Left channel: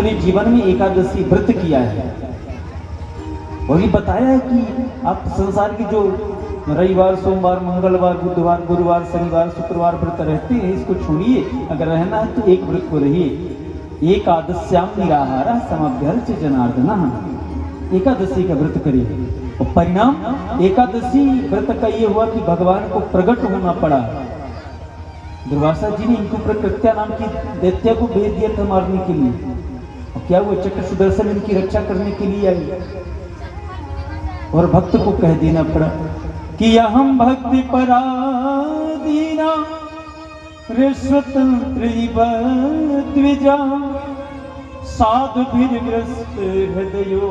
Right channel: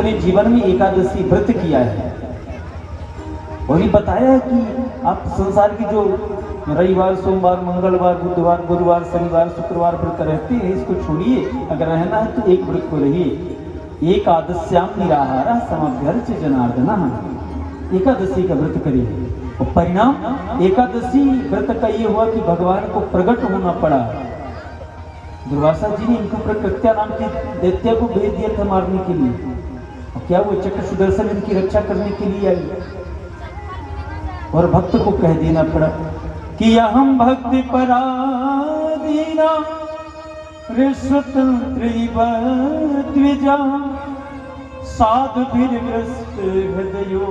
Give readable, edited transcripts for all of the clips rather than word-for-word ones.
अपने जीवन में एकादशी व्रत किया है, वही बताया कि आप संसार की जो रविवार, सोमवार, मंगलवार, बुधवार, गुरुवार, शनिवार, शुक्रवार व्रत रहते हैं, इसको छोड़िए। अगर रहना है तो एक व्रत को रहिए। एकादश्याम निराहारा समभ्यर्च जनार्दन। एकादशी का व्रत करिए और परिणाम एकादशी व्रत का ये हुआ कि भगवान को प्रकट होना पड़ा। दुर्वासा जी ने इनको प्रकृत्या नाम की दैत्य को भेज दिया था मारने के लिए, और क्या वो चक्र सुदर्शन इनकी रक्षा करने के लिए आई, और भक्त को कह देना पड़ा कि अहम भक्ति पराधीना स्वतंत्रिजा साधुभिर्ग्रस्त हृदयो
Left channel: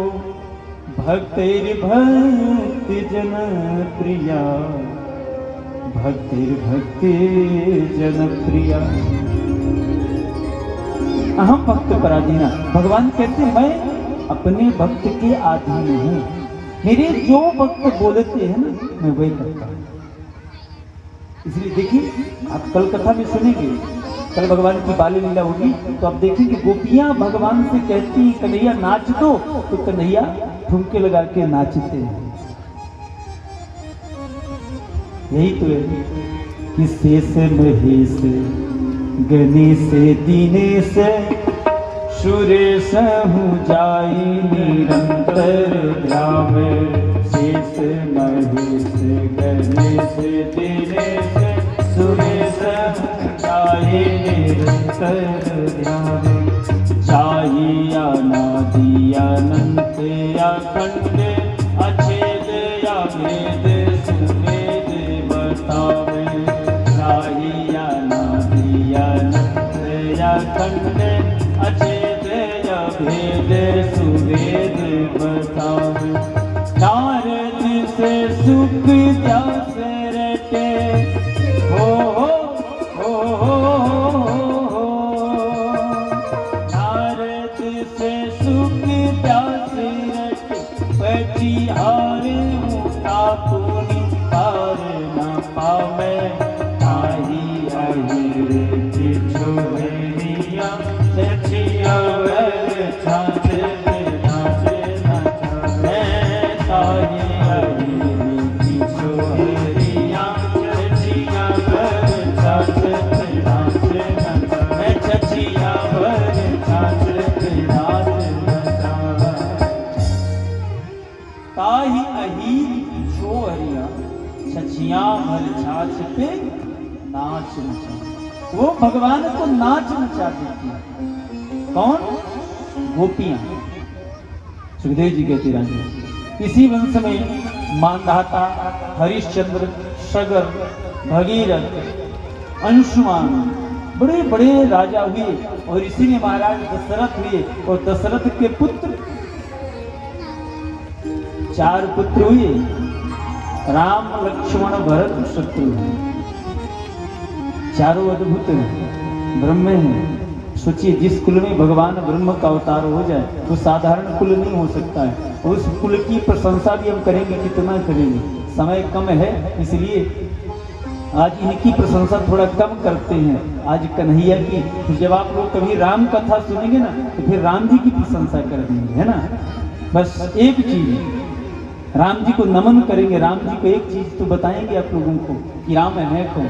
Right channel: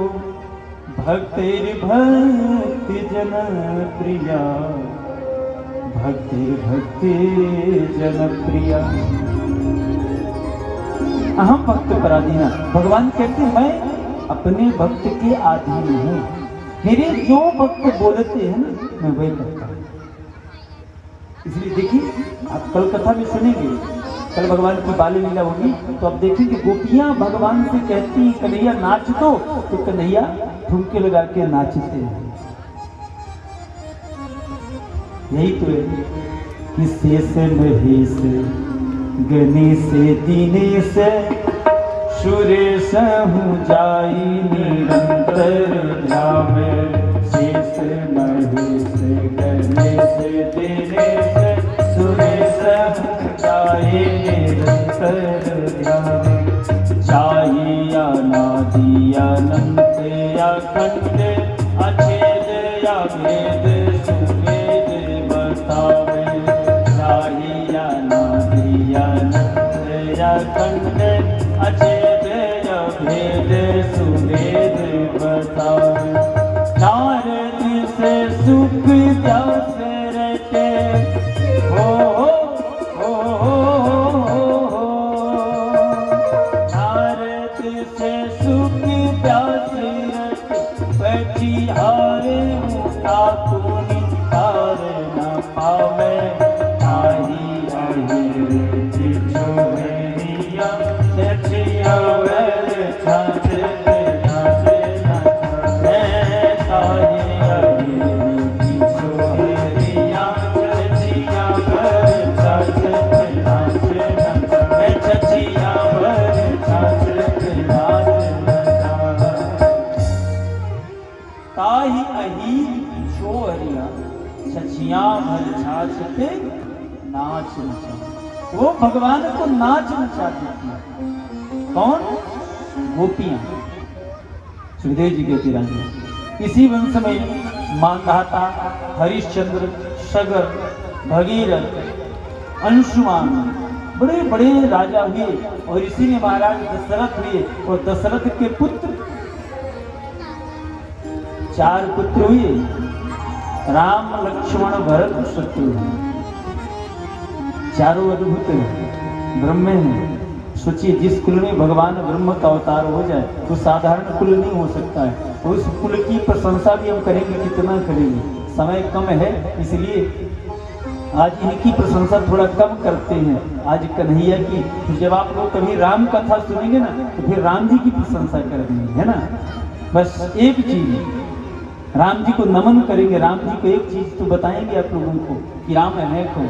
भक्तिर्भक्ति जन प्रिया, भक्ति जन प्रिया। अहम भक्त पराधीना, भगवान कहते हैं अपने भक्त के अधीन हूं, मेरे जो भक्त बोलते हैं मैं वही करता हूं। इसलिए देखिए, आप कल कथा में सुनेंगे, कल भगवान की बाल लीला होगी तो आप देखेंगे गोपियां भगवान से कहती कन्हैया नाच दो, तो कन्हैया ठुमके लगा के नाचते हैं। यही तो है कि शेष महेश गणेश दीनेश सुरेश हूँ जाई निरंतर ध्यावे। शेष महेश गणेश दीनेश सुरेश हूँ जाई निरंतर ध्यावे। जाई अनादि अनंत अखंड अछेद अभेद सुवेद बतावे। जाई अनादि अनंत अखंड सुवेद बतावे। नारद से सुख व्यास रटे नारद से सुख व्यास रटे पछिहारे मुक्ता तूनी हार न पावे। ताही अहिर छोड़िया सचियवर वो भगवान को नाच नचा देती है। कौन? गोपी। सुखदेव जी कहते रानी इसी वंश में मांधाता, हरिश्चंद्र, सगर, भगीरथ, अंशुमान बड़े बड़े राजा हुए, और इसी में महाराज दशरथ हुए, और दशरथ के पुत्र 4 पुत्र हुए, राम, लक्ष्मण, भरत, शत्रुघ्न। चारों अद्भुत ब्रह्म हैं। सोचिए, जिस कुल में भगवान ब्रह्म का अवतार हो जाए वो साधारण कुल नहीं हो सकता है, और उस कुल की प्रशंसा भी हम करेंगे, कितना करेंगे, समय कम है, इसलिए आज इनकी प्रशंसा थोड़ा कम करते हैं। आज कन्हैया की, जब आप लोग कभी राम कथा सुनेंगे ना तो फिर राम जी की प्रशंसा करेंगे, है ना। बस एक चीज, राम जी को नमन करेंगे, राम जी को एक चीज तो बताएंगे आप लोगों को कि राम अनेक हो।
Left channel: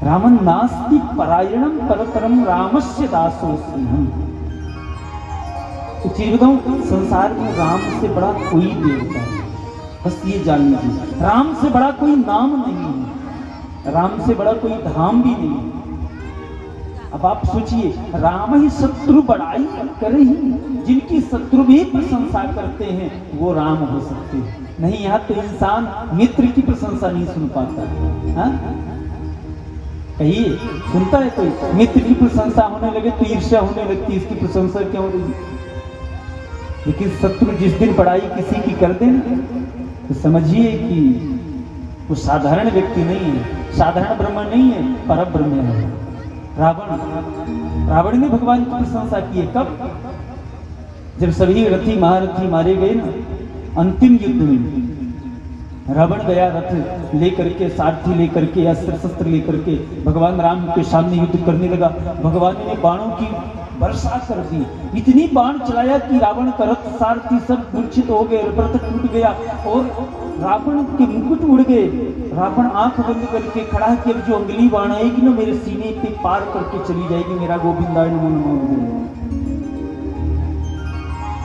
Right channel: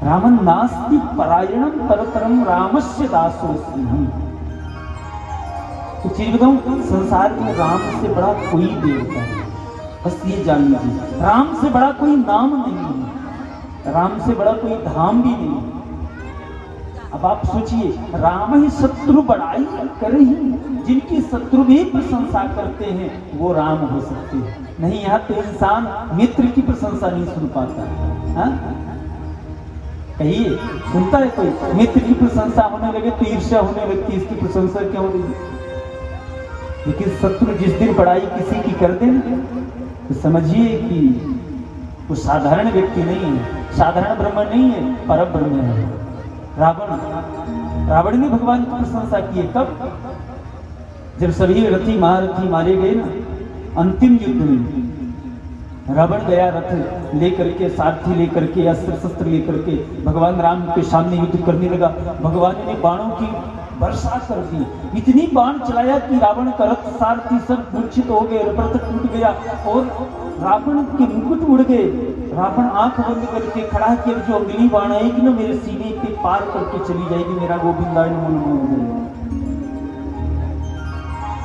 रामन नास्ति परायणम परतरम रामस्य दासोऽस्मि। तो चीज बताऊं, संसार में राम से बड़ा कोई देवता है, बस ये जान लीजिए। राम से बड़ा कोई नाम नहीं है, राम से बड़ा कोई धाम भी नहीं है। अब आप सोचिए, राम ही शत्रु बड़ाई करे ही, जिनकी शत्रु भी प्रशंसा करते हैं वो राम हो सकते हैं। नहीं, यहाँ तो इंसान मित्र की प्रशंसा नहीं सुन पाता है। कहिए, सुनता है कोई? मित्र की प्रशंसा होने लगे तो ईर्ष्या होने लगती है, इसकी प्रशंसा क्यों होगी। लेकिन शत्रु जिस दिन बड़ाई किसी की कर दे तो समझिए कि वो साधारण व्यक्ति नहीं है, साधारण ब्रह्म नहीं है, परम ब्रह्म है। रावण ने भगवान की प्रशंसा की है। कब? जब सभी रथी महारथी मारे गए ना अंतिम युद्ध में, रावण गया रथ लेकर के, सारथी लेकर के, अस्त्र शस्त्र लेकर के भगवान राम के सामने युद्ध करने लगा। भगवान ने बाणों की वर्षा कर दी, इतनी बाण चलाया कि रावण का रथ सारथी सब मूर्छित हो गए, रथ टूट गया और रावण के मुकुट उड़ गए। रावण आंख बंद करके खड़ा कि अब जो अगली बाण आएगी ना मेरे सीने पे पार करके चली जाएगी, मेरा गोविंदाय नमः हो जाएगा।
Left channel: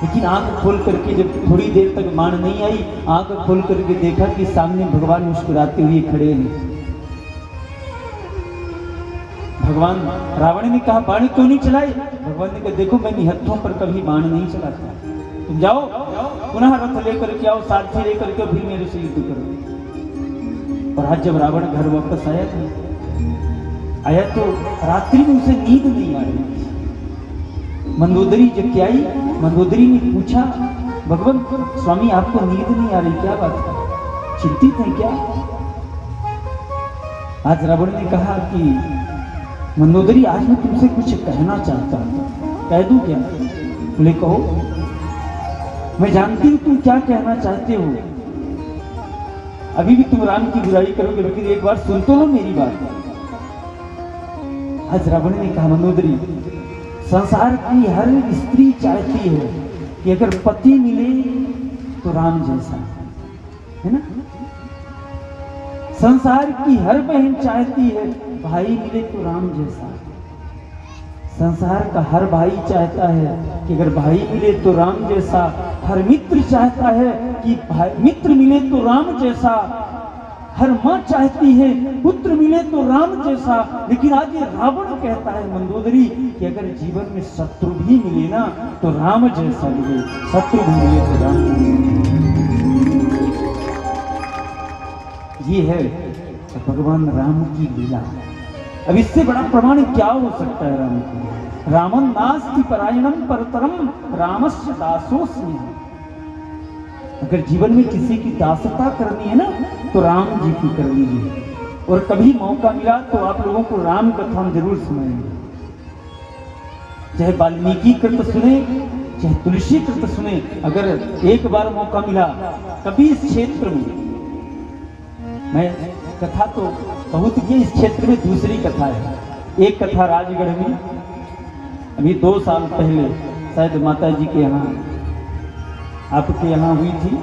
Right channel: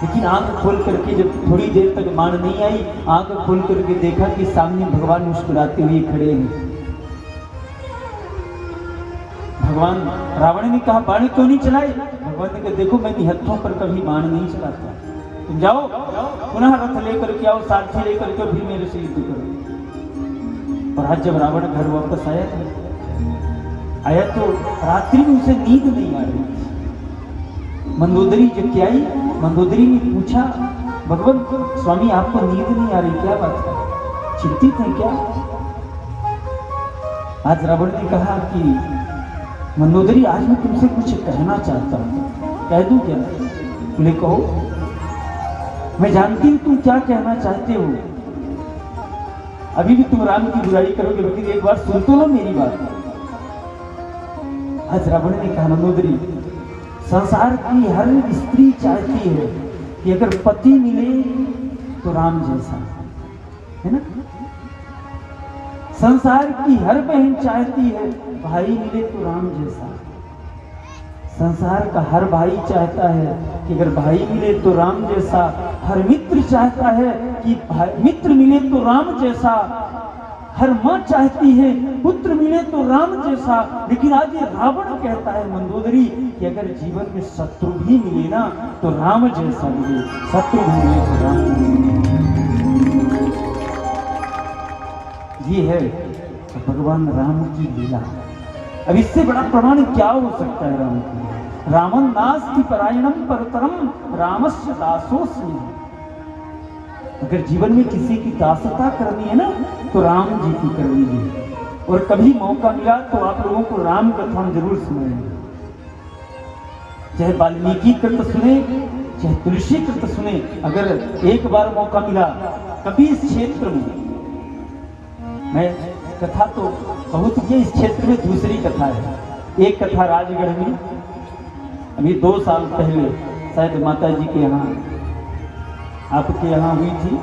लेकिन आंख खोल करके जब थोड़ी देर तक बाण नहीं आई, आंख खोल करके देखा कि सामने भगवान मुस्कुराते हुए खड़े हैं। भगवान, रावण ने कहा बाण क्यों नहीं चलाए? भगवान ने कहा देखो मैं निहत्थों पर कभी बाण नहीं चलाता, तुम जाओ पुनः रथ लेकर के आओ, सारथी लेकर के फिर मेरे से युद्ध करो। और आज जब रावण घर वापस आया तो रात्रि में उसे नींद नहीं आ रही थी। मंदोदरी जब क्या आई, मंदोदरी ने पूछा भगवान स्वामी आपको नींद नहीं आ रही, क्या बात है, चिंतित है क्या? आज रावण ने कहा कि मंदोदरी आज मैं तुमसे कुछ कहना चाहता हूँ, कह दूं क्या? बोले कहो। मैं जानती हूँ तुम क्या कहना चाहते हो, अभी भी तुम राम की बुराई करोगे, लेकिन एक बार सुन तो लो मेरी बात। आज रावण ने कहा मंदोदरी संसार की हर स्त्री चाहती है कि अगर पति मिले तो राम जैसा, है ना? संसार की हर बहन चाहती है भाई मिले तो राम जैसा। संसार का हर भाई चाहता है कि अगर भाई मिले तो राम जैसा। हर मित्र चाहता है कि मित्र मिले तो राम जैसा। हर माँ चाहती है पुत्र मिले तो राम जैसा। लेकिन आज ये रावण कहता है मंदोदरी कि अगर जीवन में शत्रु भी मिले ना तो राम जैसा मिले, शत्रु भी मिले तो राम जैसा। ये है भगवान राम की लीला। अब इससे बड़ा प्रमाण क्या हो सकता है राम की? रामं नास्ति परायणम परतरम रामस्य दासोऽस्मि। अगर जीवन में किसी की दासता करनी है ना तो राम जी की कर लीजिए। और कभी मौका मिला तो आप लोगों को राम कथा जरूर सुनेंगे, चाहे वाल्मीकि कृत सुने चाहे तुलसी कृत सुने। अगर एक बार मौका मिला कभी इस क्षेत्र में, मैं कथा तो बहुत की इस क्षेत्र में दूसरी कथा है। एक कथा राजगढ़ में अभी 2 साल पहले शायद माता जी के यहाँ, आपके यहाँ हुई थी।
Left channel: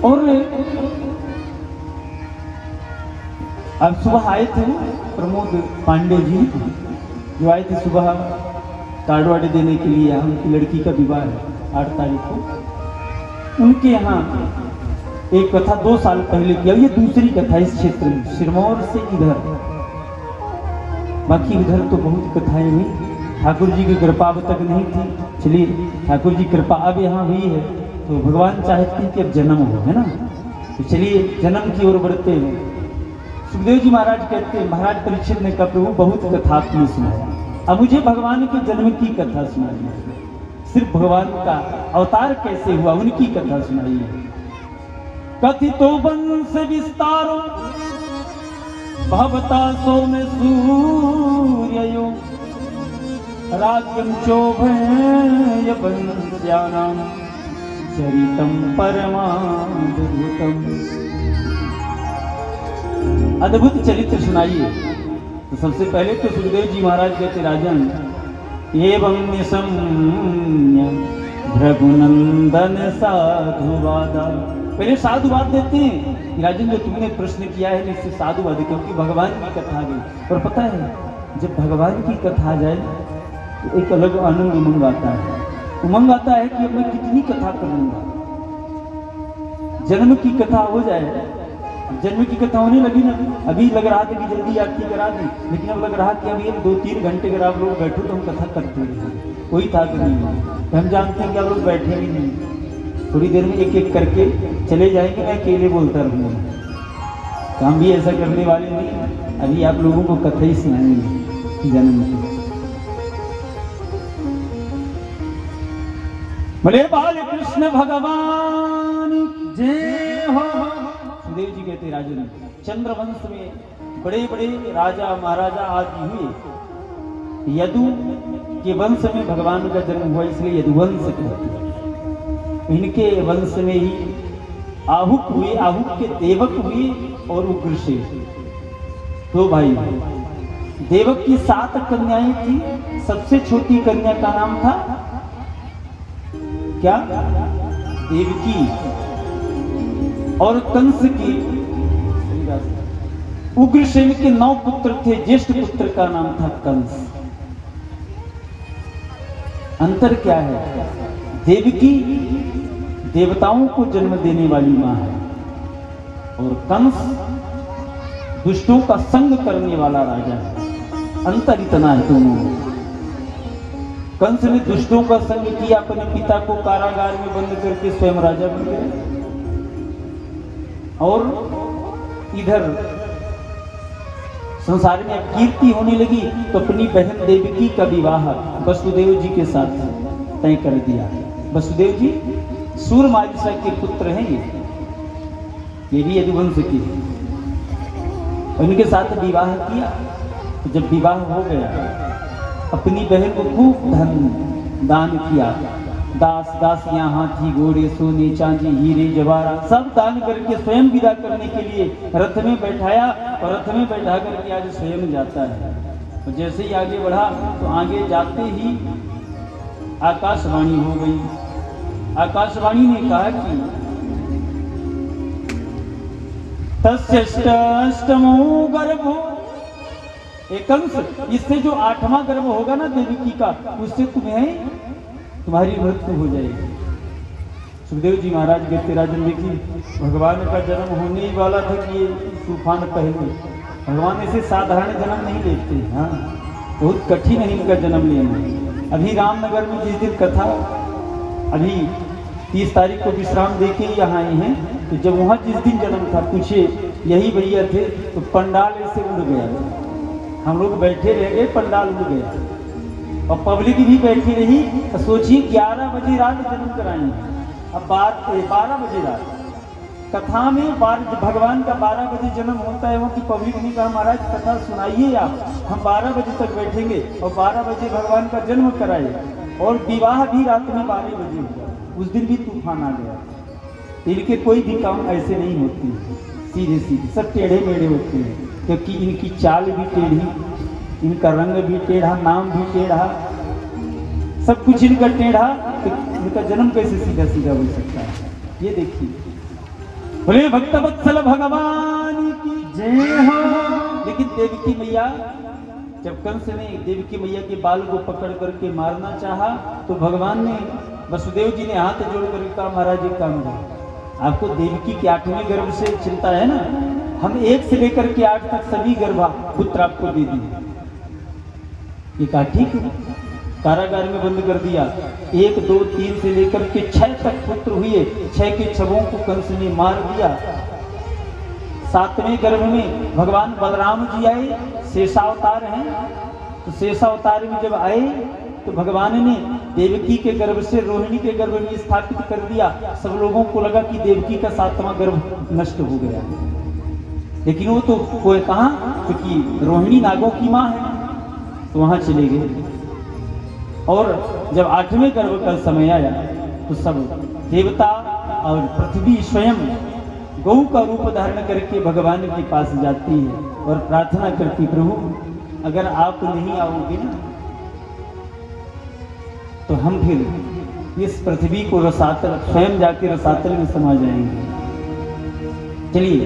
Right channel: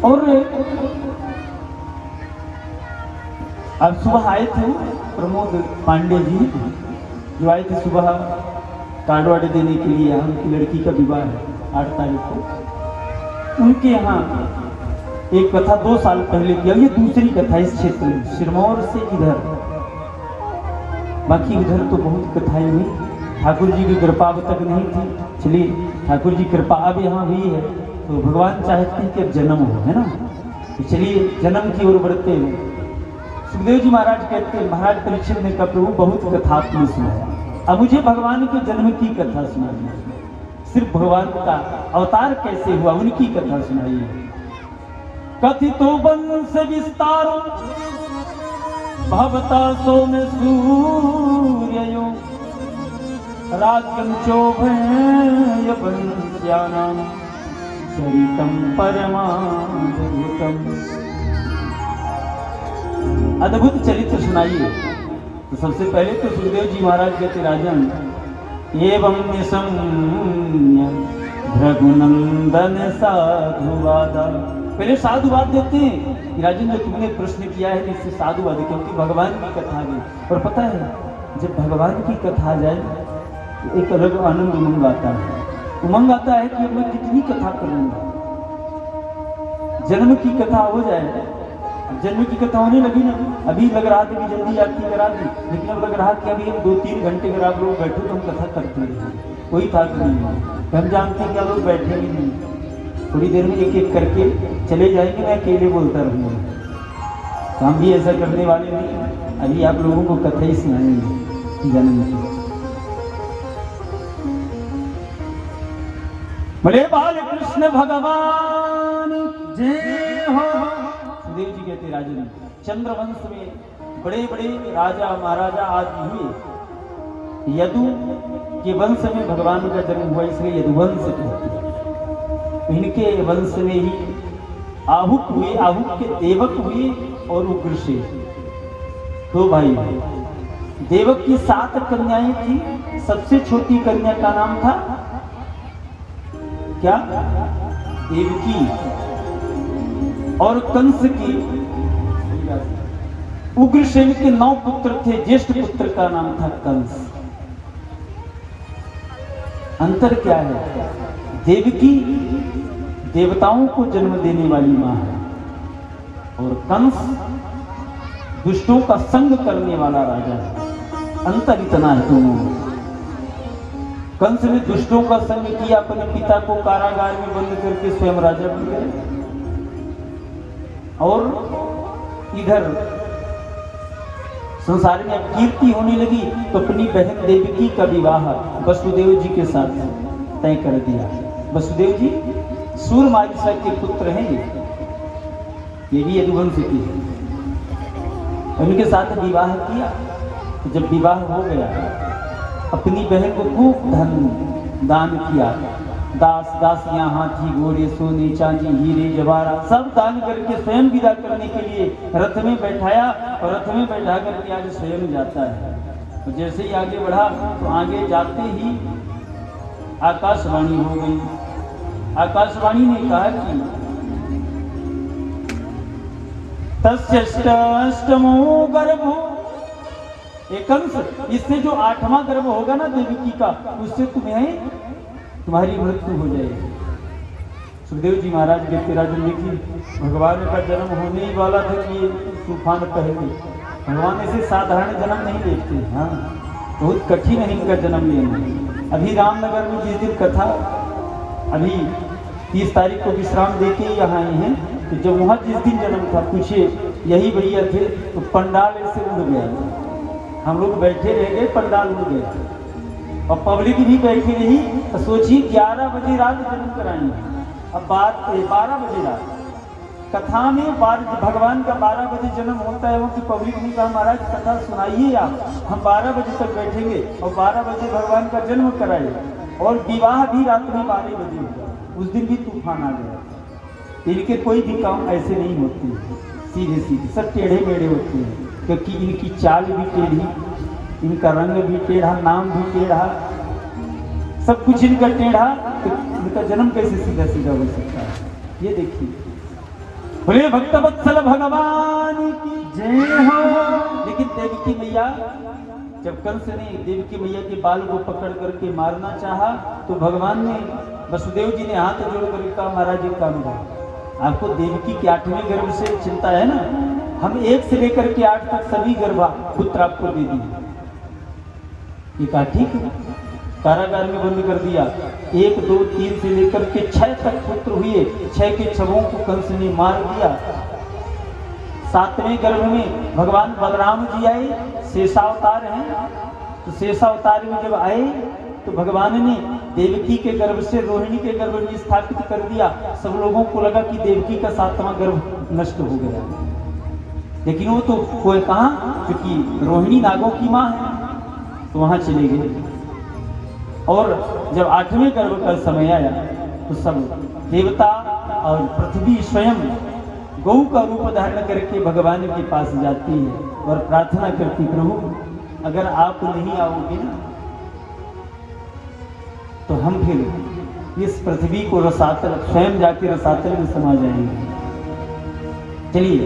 और आप सुबह आए थे प्रमोद पांडे जी, जो आए थे सुबह कार्ड वार्ड देने के लिए। उनकी लड़की का विवाह है 8 तारीख को। उनके यहाँ एक कथा 2 साल पहले की। ये दूसरी कथा इस क्षेत्र में, सिरमौर से इधर। बाकी उधर तो बहुत कथाएं हुई, ठाकुर जी की कृपा अब तक नहीं थी। चलिए ठाकुर जी कृपा अब यहाँ हुई है तो भगवान चाहते हैं कि अब जन्म हो, है ना? तो चलिए जन्म की ओर बढ़ते हैं। सुखदेव जी महाराज कहते हैं महाराज परीक्षित ने कहा प्रभु बहुत कथा आपने सुना, अब मुझे भगवान के जन्म की कथा सुनाइए। सिर्फ भगवान का अवतार कैसे हुआ उनकी कथा सुनाइए। कथितो वंश विस्तारो भवता सोम सूर्ययो राज्यं चोभय वंश्यानां चरितं परमाद्भुतम्। अद्भुत चरित्र सुनाइए। तो सबसे पहले तो सुखदेव जी महाराज कहते राजन एवं निशम्य भृगुनंदन साधुवाद। पहले साधुवाद देते हैं राजन, जो तुमने प्रश्न किया है इससे साधुवाद, क्योंकि भगवान की कथा गई। और पता है जब भगवान की कथा आ जाए तो एक अलग आनंद उमंग आता है। उमंग आता है कि मैं कितनी कथा करूंगा। जन्म की कथा हो जाए, जन्म की कथा होने लगी ना, अभी लग रहा था कि जल्दी आरती करा दी, लेकिन अब लग रहा कि अभी 2-3 घंटे अगर आप लोग बैठो तो हम कथा करते रहे, कोई था नहीं है। हम जानते हैं कि आप लोग बैठे ही नहीं, थोड़ी देर में एक एक करके चले जाएंगे, मैं अकेले बोलता रहूंगा। तो हम भी ऐसा करने वाले नहीं, अभी आप लोगों को कथा ही सुनाएंगे जन्म की। बोले बाल कृष्ण भगवान जय हो। देव जी कहते राजन चंद्रवंश में बड़े बड़े राजा महाराजा आदि हुए। यदु के वंश में भगवान का जन्म हुआ, इसलिए यदुवंश कहते हैं। इनके वंश में ही आहुक हुए, आहुक के देवक हुए और उग्रसेन। तो भाई देवक की 7 कन्याएं थी, सबसे छोटी कन्या का नाम था क्या? देवकी। और कंस की उग्रसेन के 9 पुत्र थे, ज्येष्ठ पुत्र का नाम था कंस। अंतर क्या है? देवकी देवताओं को जन्म देने वाली मां है और कंस दुष्टों का संग करने वाला राजा है। अंतर इतना है दोनों में। कंस ने दुष्टों का संग किया, अपने पिता को कारागार में बंद करके स्वयं राजा बन गए। और इधर संसार में कीर्ति होने लगी तो अपनी बहन देवकी का विवाह वसुदेव जी के साथ तय कर दिया। वसुदेव जी सूरमार्गिसा के पुत्र हैं, ये भी यदुवंश के हैं। उनके साथ विवाह किया। तो जब विवाह हो गया, अपनी बहन को खूब धन दान किया। दास दासियां, हाथी, घोड़े, सोने, चांदी, हीरे, जवाहरात सब दान करके स्वयं विदा करने के लिए रथ में बैठाया और रथ में बैठा करके आगे स्वयं जाता है। तो जैसे ही आगे बढ़ा तो आगे जाते ही आकाशवाणी हो गई। आकाशवाणी ने कहा कि तस्यष्टमो गर्भो, इससे जो 8वां गर्भ होगा ना देवकी का, उससे तुम्हारी मृत्यु हो जाएगी। सुखदेव जी महाराज देखते राजन देखिए, भगवान का जन्म होने वाला था कि तूफान पहले। भगवान ऐसे साधारण जन्म नहीं लेते। हाँ, बहुत कठिन है इनका जन्म लेना। अभी रामनगर में जिस दिन कथा, अभी 30 तारीख को विश्राम दे के यहाँ आए हैं, तो जब वहाँ जिस दिन जन्म था, पूछे यही भैया थे, तो पंडाल ऐसे उड़ गया। हम लोग बैठे रह गए, पंडाल उड़ गया और पब्लिक भी बैठी रही। तो सोचिए 11 बजे रात जन्म कराएंगे, अब 12 बजे रात कथा में भगवान का 12 बजे जन्म होता है। वो कि पब्लिक ने कहा महाराज कथा सुनाइए आप, हम 12 बजे तक बैठेंगे और 12 बजे भगवान का जन्म कराएंगे। और विवाह भी रात में 12 बजे होगा। उस दिन भी तूफान आ गया। इनके कोई भी काम ऐसे नहीं होते, सीधे सीधे सब टेढ़े मेढ़े होते हैं, क्योंकि इनकी चाल भी टेढ़ी, इनका रंग भी टेढ़ा, नाम भी टेढ़ा, सब कुछ इनका टेढ़ा। तो इनका जन्म कैसे सीधा सीधा हो सकता है? ये देखिए, बोले भक्तवत्सल भगवान की जय हो। लेकिन देवकी मैया, जब कंस ने देवकी मैया के बाल को पकड़ करके मारना चाहा, तो भगवान ने, वसुदेव जी ने हाथ जोड़ कर कहा महाराज एक काम है, आपको देवकी के 8वें गर्भ से चिंता है ना, हम 1 से लेकर के 8 तक सभी गर्भ पुत्र आपको दे दिए। ये कहा ठीक है। कारागार में बंद कर दिया। 1, 2, 3 से लेकर के 6 तक पुत्र हुए। 6 के छवों को कंस ने मार दिया। 7वें गर्भ में भगवान बलराम जी आए, शेषावतार हैं। तो शेषावतार में जब आए तो भगवान ने देवकी के गर्भ से रोहिणी के गर्भ में स्थापित कर दिया। सब लोगों को लगा कि देवकी का 7वां गर्भ नष्ट हो गया, लेकिन वो तो कोई कहा, क्योंकि रोहिणी नागों की मां है, तो वहां चले गए। और जब 8वें गर्भ का समय आया तो सब देवता और पृथ्वी स्वयं गौ का रूप धारण करके भगवान के पास जाती है और प्रार्थना करती, प्रभु अगर आप नहीं आओगे तो हम फिर इस पृथ्वी को रसातल, स्वयं जाके रसातल में समा जाएंगे। चलिए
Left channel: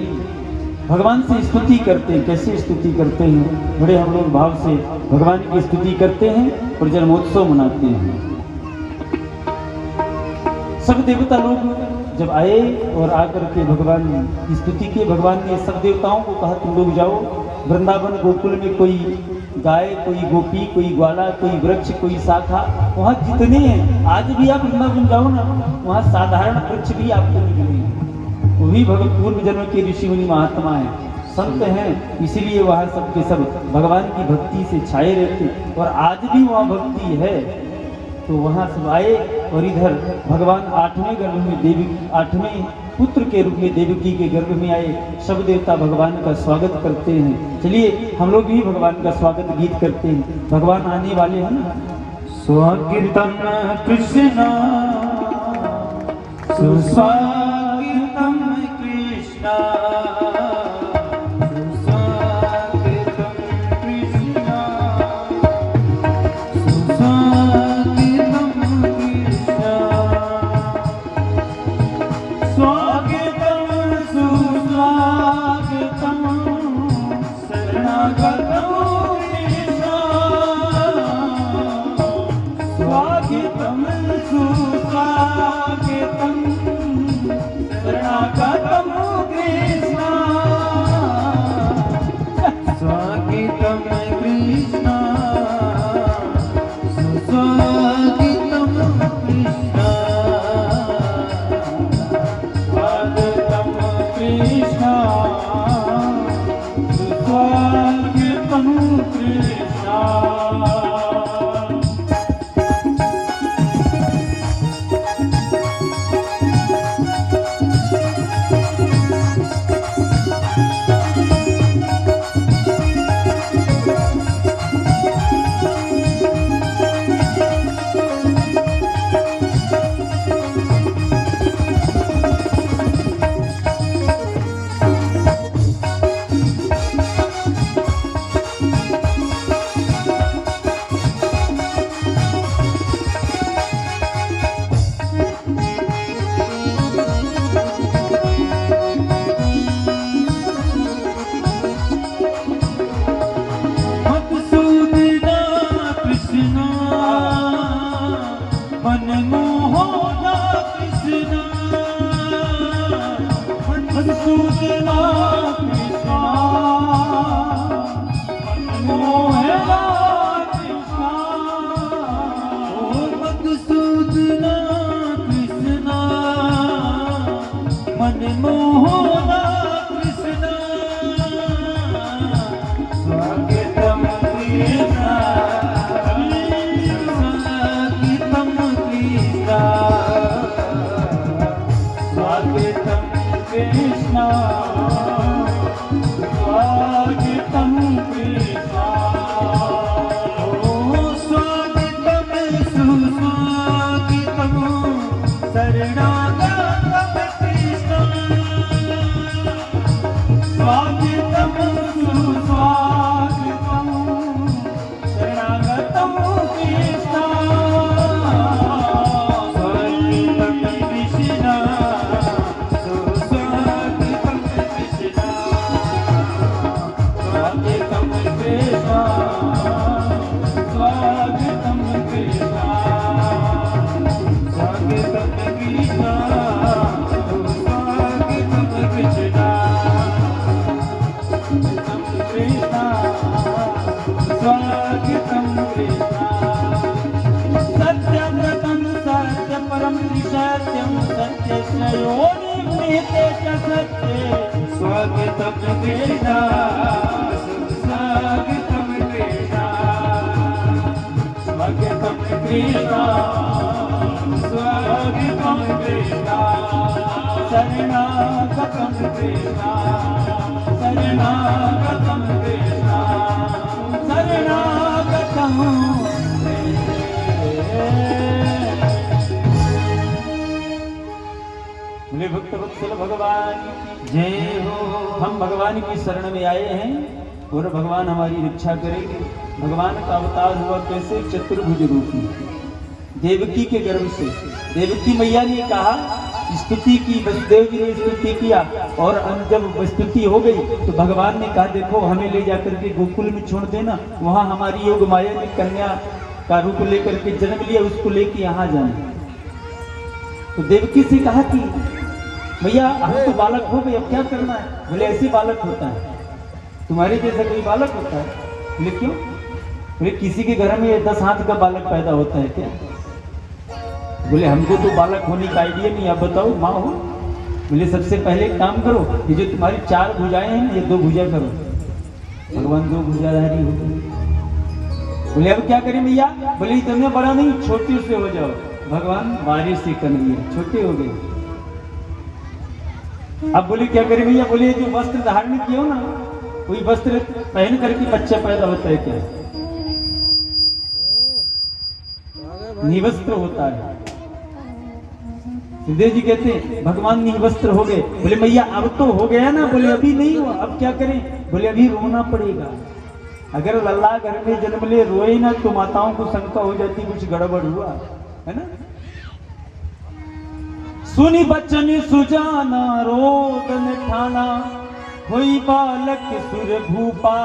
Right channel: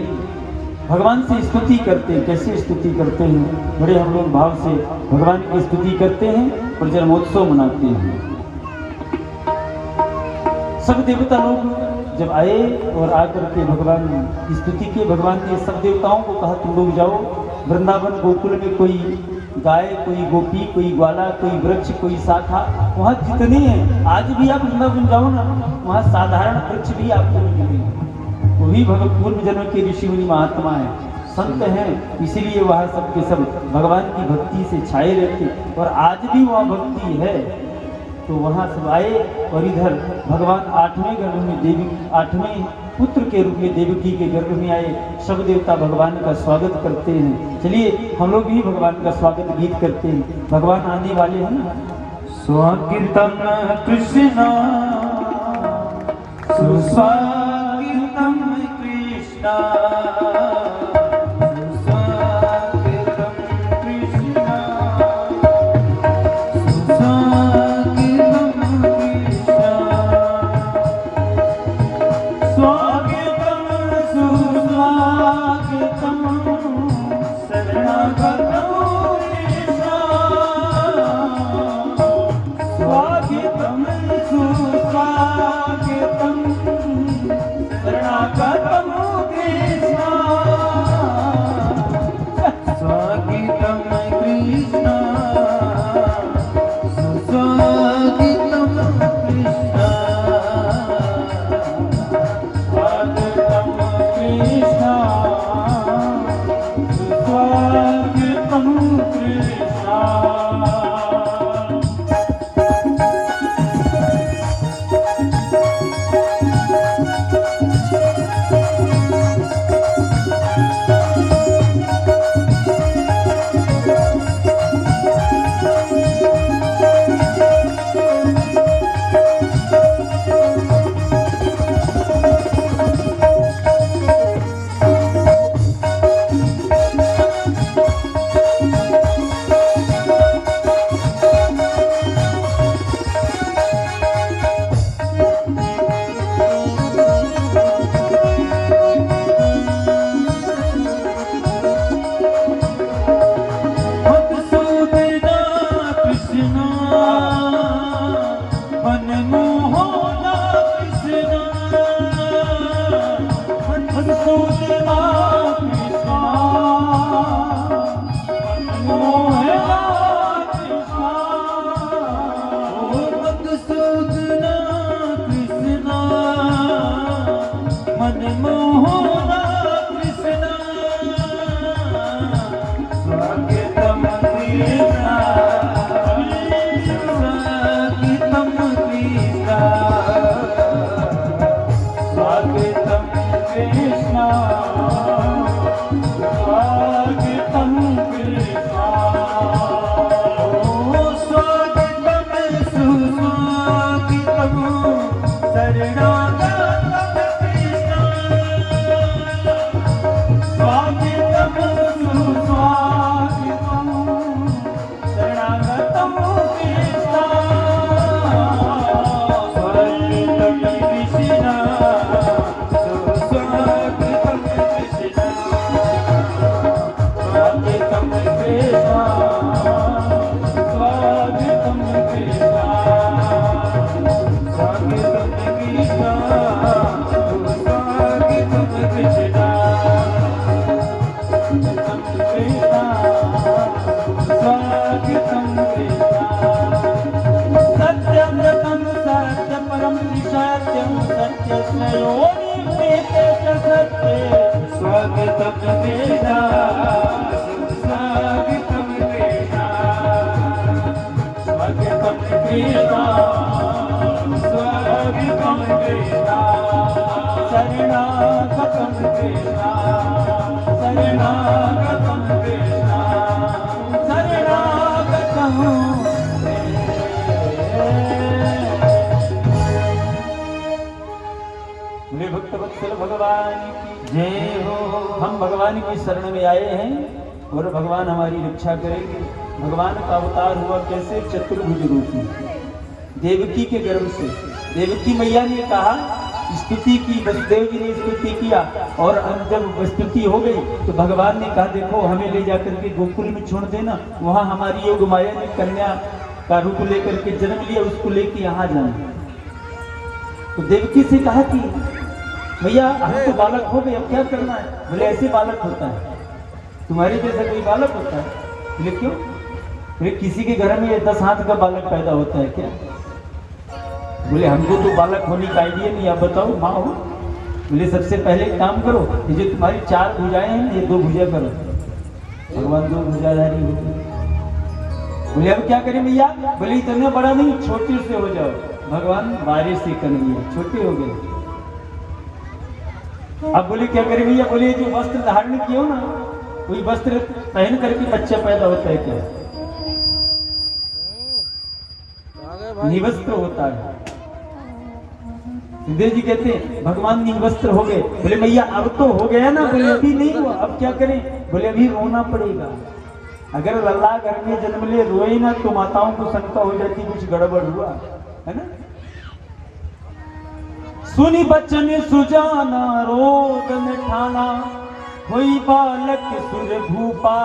भगवान से स्तुति करते हैं। कैसे स्तुति करते हैं? बड़े हम लोग भाव से भगवान की स्तुति करते हैं और जन्मोत्सव मनाते हैं। सब देवता लोग जब आए और आकर के भगवान की स्तुति की, भगवान ने सब देवताओं को कहा तुम लोग जाओ वृंदावन गोकुल में, कोई गाय, कोई गोपी, कोई ग्वाला, कोई वृक्ष, कोई शाखा, वहाँ जितने हैं, आज भी आप वृंदावन जाओ ना, वहाँ साधारण वृक्ष भी आपको मिलेंगे। वही पूर्व जन्म के ऋषि मुनि महात्मा है, संत हैं, इसीलिए वहाँ सब के सब भगवान की भक्ति से छाए रहते और आज भी वहाँ भक्ति है। तो वहाँ सब आए और इधर भगवान 8वें गर्भ में देवी, 8वें पुत्र के रूप में देवकी के गर्भ में आए। सब देवता भगवान का स्वागत करते हैं। चलिए हम लोग भी भगवान का स्वागत गीत करते हैं। भगवान आने वाले हैं ना। स्वागतम कृष्ण सुस्वागतम कृष्णा सुसाकेतं कृष्णा सुसाकेतं कृष्णा स्वागतं सुस्वागतं शरणागतं कृष्णा स्वागतं सुस्वागतं शरणागतं कृष्णा स्वागतं कृष्णा सुस्वागतं कृष्णा स्वागतं कृष्णा सुस्वागतं कृष्णा हम भगवान की शरण में आए हैं और भगवान हमारी रक्षा करेंगे। भगवान का अवतार हुआ कैसे? चतुर्भुज रूप में, देवकी के गर्भ से। देवकी मैया ने कहा, स्तुति की, वसुदेव जी ने स्तुति किया, और अब जब स्तुति हो गई तो भगवान ने कहा, देखो हमें ले जाकर के गोकुल में छोड़ देना, वहां हमारी योग माया ने कन्या का रूप लेकर के जन्म लिया, उसको लेके यहाँ जाना। तो देवकी से कहा कि भैया हम तो बालक हो गए, अब क्या करना है? बोले ऐसे बालक होता है, तुम्हारे जैसे कोई बालक होता है? बोले क्यों? बोले किसी के घर में 10 हाथ का बालक पैदा होता है क्या? बोले हमको तो बालक होने का आइडिया नहीं, आप बताओ माँ हो। बोले सबसे पहले एक काम करो, ये जो तुम्हारी 4 भुजाएं हैं ये 2 भुजा करो, भगवान 2 भुजाधारी हो गए। बोले अब क्या करें भैया? बोले इतने बड़ा नहीं, छोटे से हो जाओ। भगवान 12 से कर लिया, छोटे हो गए। अब बोले क्या करें भैया? बोले जो वस्त्र धारण किए हो ना, वही वस्त्र पहन करके बच्चा पैदा होता है क्या? निवस्त्र होता है। सिद्धेव जी कहते हैं भगवान निर्वस्त्र हो गए। बोले भैया अब तो हो गया ना। बोले अभी नहीं हुआ, अब क्या करें? बोले अभी रोना पड़ेगा। अगर लल्ला घर में जन्म ले रोए ना तो माताओं को शंका हो जाती कुछ गड़बड़ हुआ है ना। सुनी बचन सुजाना रोदन ठाना, हुई बालक सुर भूपा,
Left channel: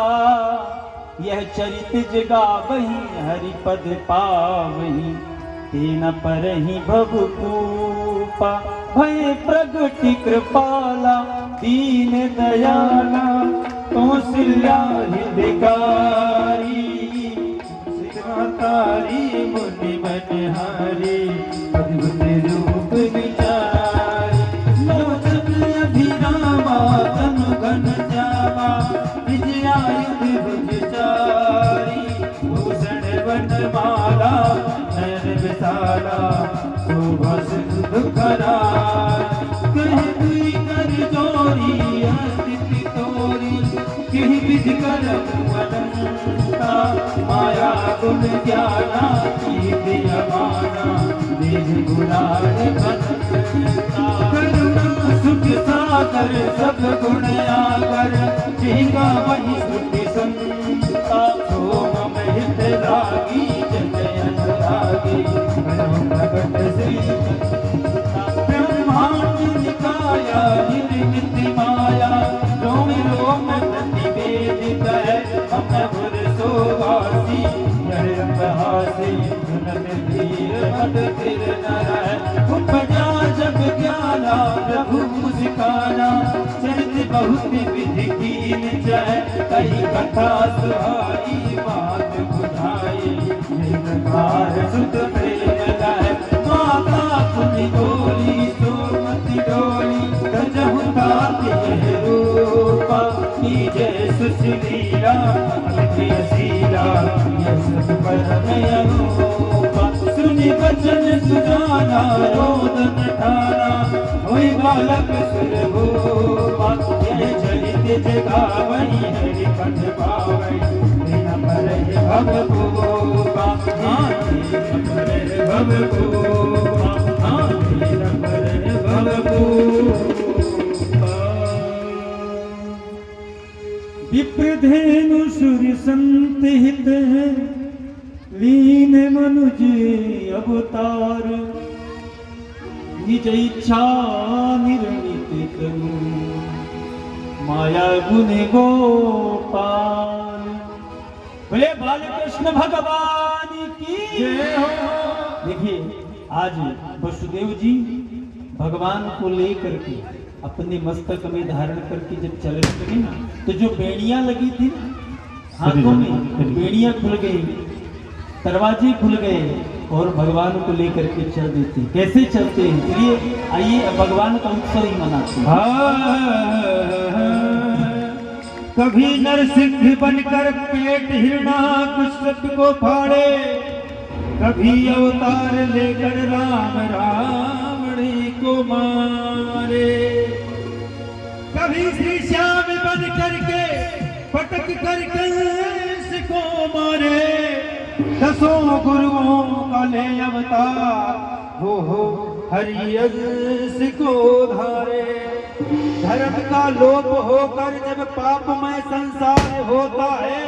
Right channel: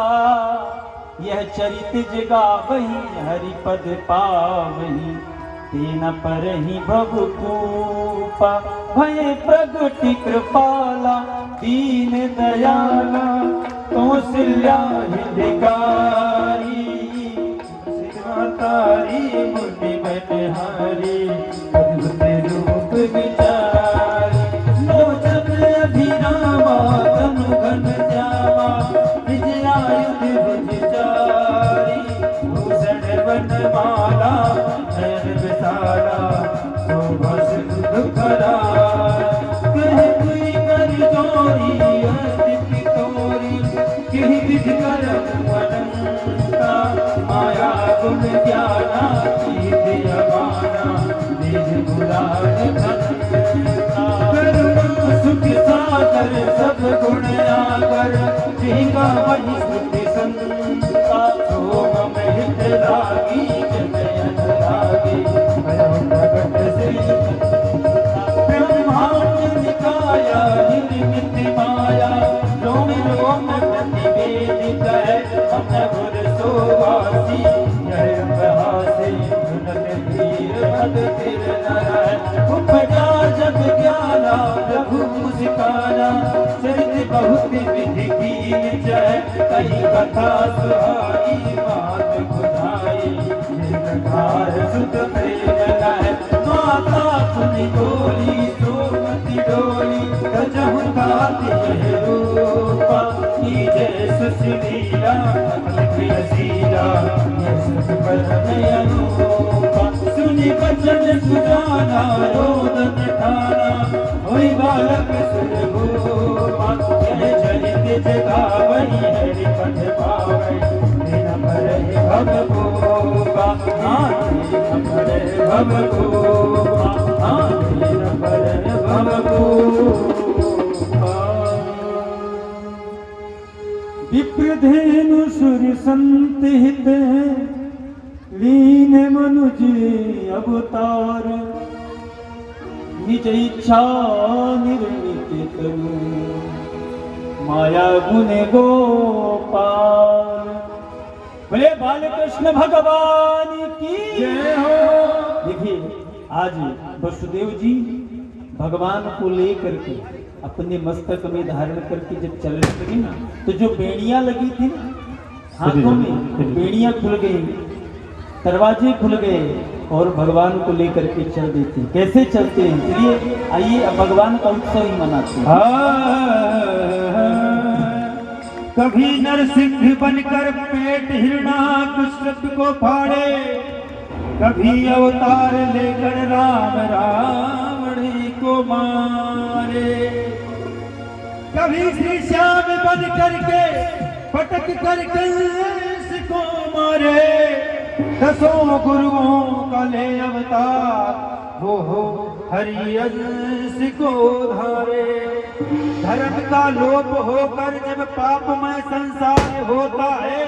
यह चरित जगा वही हरिपद पावही, तेन पर ही भगतूपा, भय प्रगति कृपाला, दीन दयाला, कौशल्या हितकारी, सिद्धवतारी मुनि बनहारी, अद्भुत रूप विचारी, लोचन अभिरामा तनु घन श्यामा, विजयायुध विजचारी, भूषण वनमाला नयन विशाला, शोभा सिंधु करारा, कह कोई कर जोरी अस्तित्व तोरी, कह विधि कर अनंता, माया गुण ज्ञाना कीर्ति अमाना, देह गुलाल भक्ता, करुणा सुख सागर सब गुण आगर, जिंगा वही सुखी संता, सोम महित रागी जनयन रागी, प्रगट श्री ब्रह्मांड निकाया निर्मित माया, रोम रोम प्रतिवेद करे, अमर सोवासी, हासे धीर मद तिर नर, उपजा जब ज्ञाना प्रभु मुस्काना, चरित बहुत विधि कीन जय, कही कथा सुहाई बात बुझाई, निरंकार सुत प्रेम लय, माता सुनि बोली सोमति डोली, गजहु गाते रूपा, कीजय सुशीला अति असीला, यश परम अनूपा, सुनि बचन सुजाना रोदन ठाना, हुई बालक सुर भूपा, यह चरित जगा वही हरिपद पावई, दिन भर भवभूपा, दिन भर भवभूपा, दिन भर भवभूपा। विप्रधेनु सुर संत हित, लीन मनुज अवतार, निज इच्छा निर्मित करो, माया गुण गोपाल। बोले बालकृष्ण भगवान की जय हो। देखिए आज वसुदेव जी भगवान को लेकर के अपने मस्तक में धारण करके जब चल रहे थे ना, तो जो बेड़ियां लगी थी ना हाथों में, बेड़ियां खुल गई, दरवाजे खुल गए और भगवान को लेकर के चल देते। कैसे चलते हैं? चलिए आइए अब भगवान का उत्सव ही मनाते हैं। कभी नरसिंह बनकर पेट हिरणाकश्यप को फाड़े, कभी अवतार लेकर राम रावणी को मारे, कभी श्री श्याम बन करके पटक कर कंस को मारे, दसों गुरुओं का ले अवतार, हो हरि अंश को धारे। धर्म का लोप होकर जब पापमय संसार होता है,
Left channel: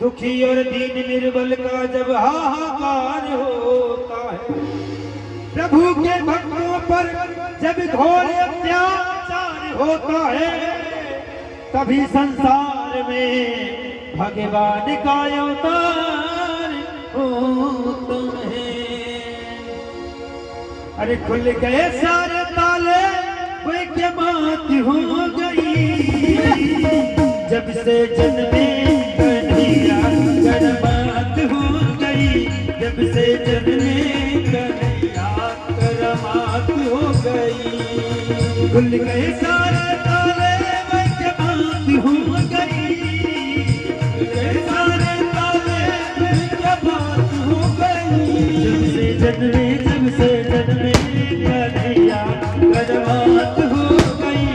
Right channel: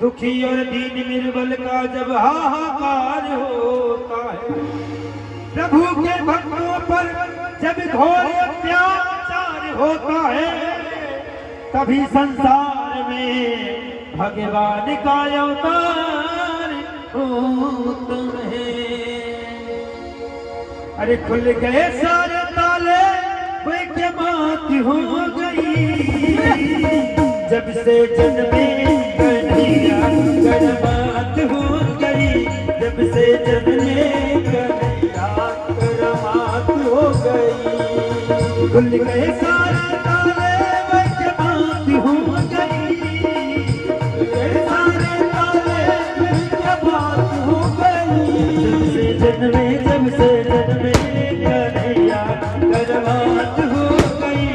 दुखी और दीन निर्बल का जब हाहाकार होता है, प्रभु के भक्तों पर जब घोर अत्याचार होता है, तभी संसार में भगवान का अवतार होता है। अरे खुल गए सारे ताले, कोई क्या बात हो गई, जब से जन्मे कन्हैया करमात हो गई, जब से जन्मे कन्हैया करमात हो गई। खुल गए सारे ताले, कोई क्या बात हो गई, सारे ताले कोई क्या बात हो गई, जब से जन्मे कन्हैया करमात हो गई,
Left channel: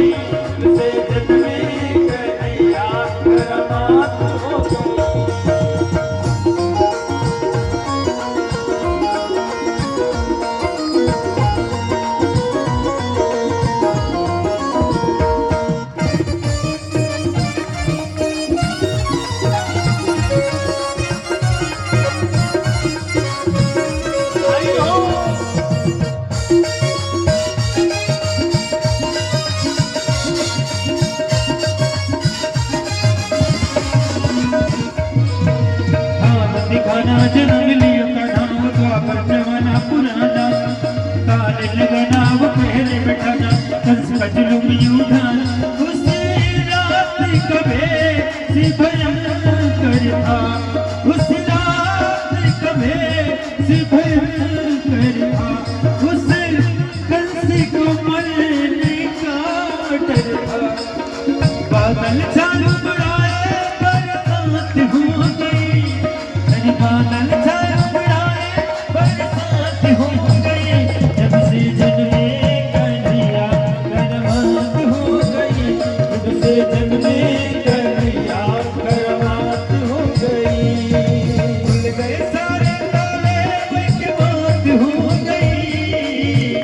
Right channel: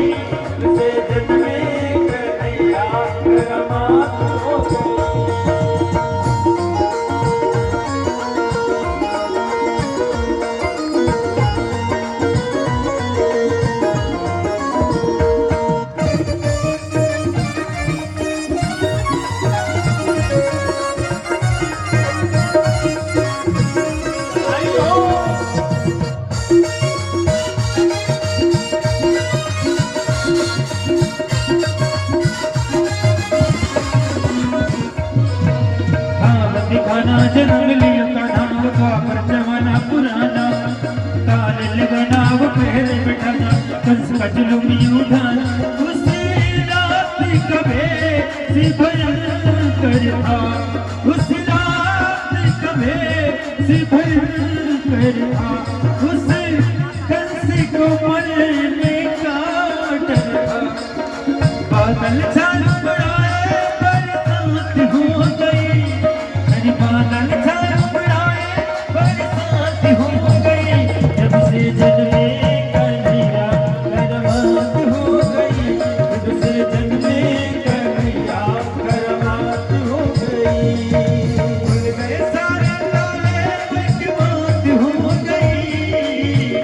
जब से जन्मे कन्हैया करमात हो गई। रंग लियो तो नाम द्वापर जमाना पुराना काल लगना वो पहले बैठाना कंस का जुलूम यूं था उसी रात कबे सी भयंकर था उसी रात कबे सी भयंकर था उसे कंस को मरने का डर था बादल छाए उड़ाए बरसात हो गई बादल छाए उड़ाए बरसात हो गई जब से जन्मे कन्हैया करमात हो गई जब से जन्मे कन्हैया करमात हो गई भूल गए सारे ताले उनकी बात हो गई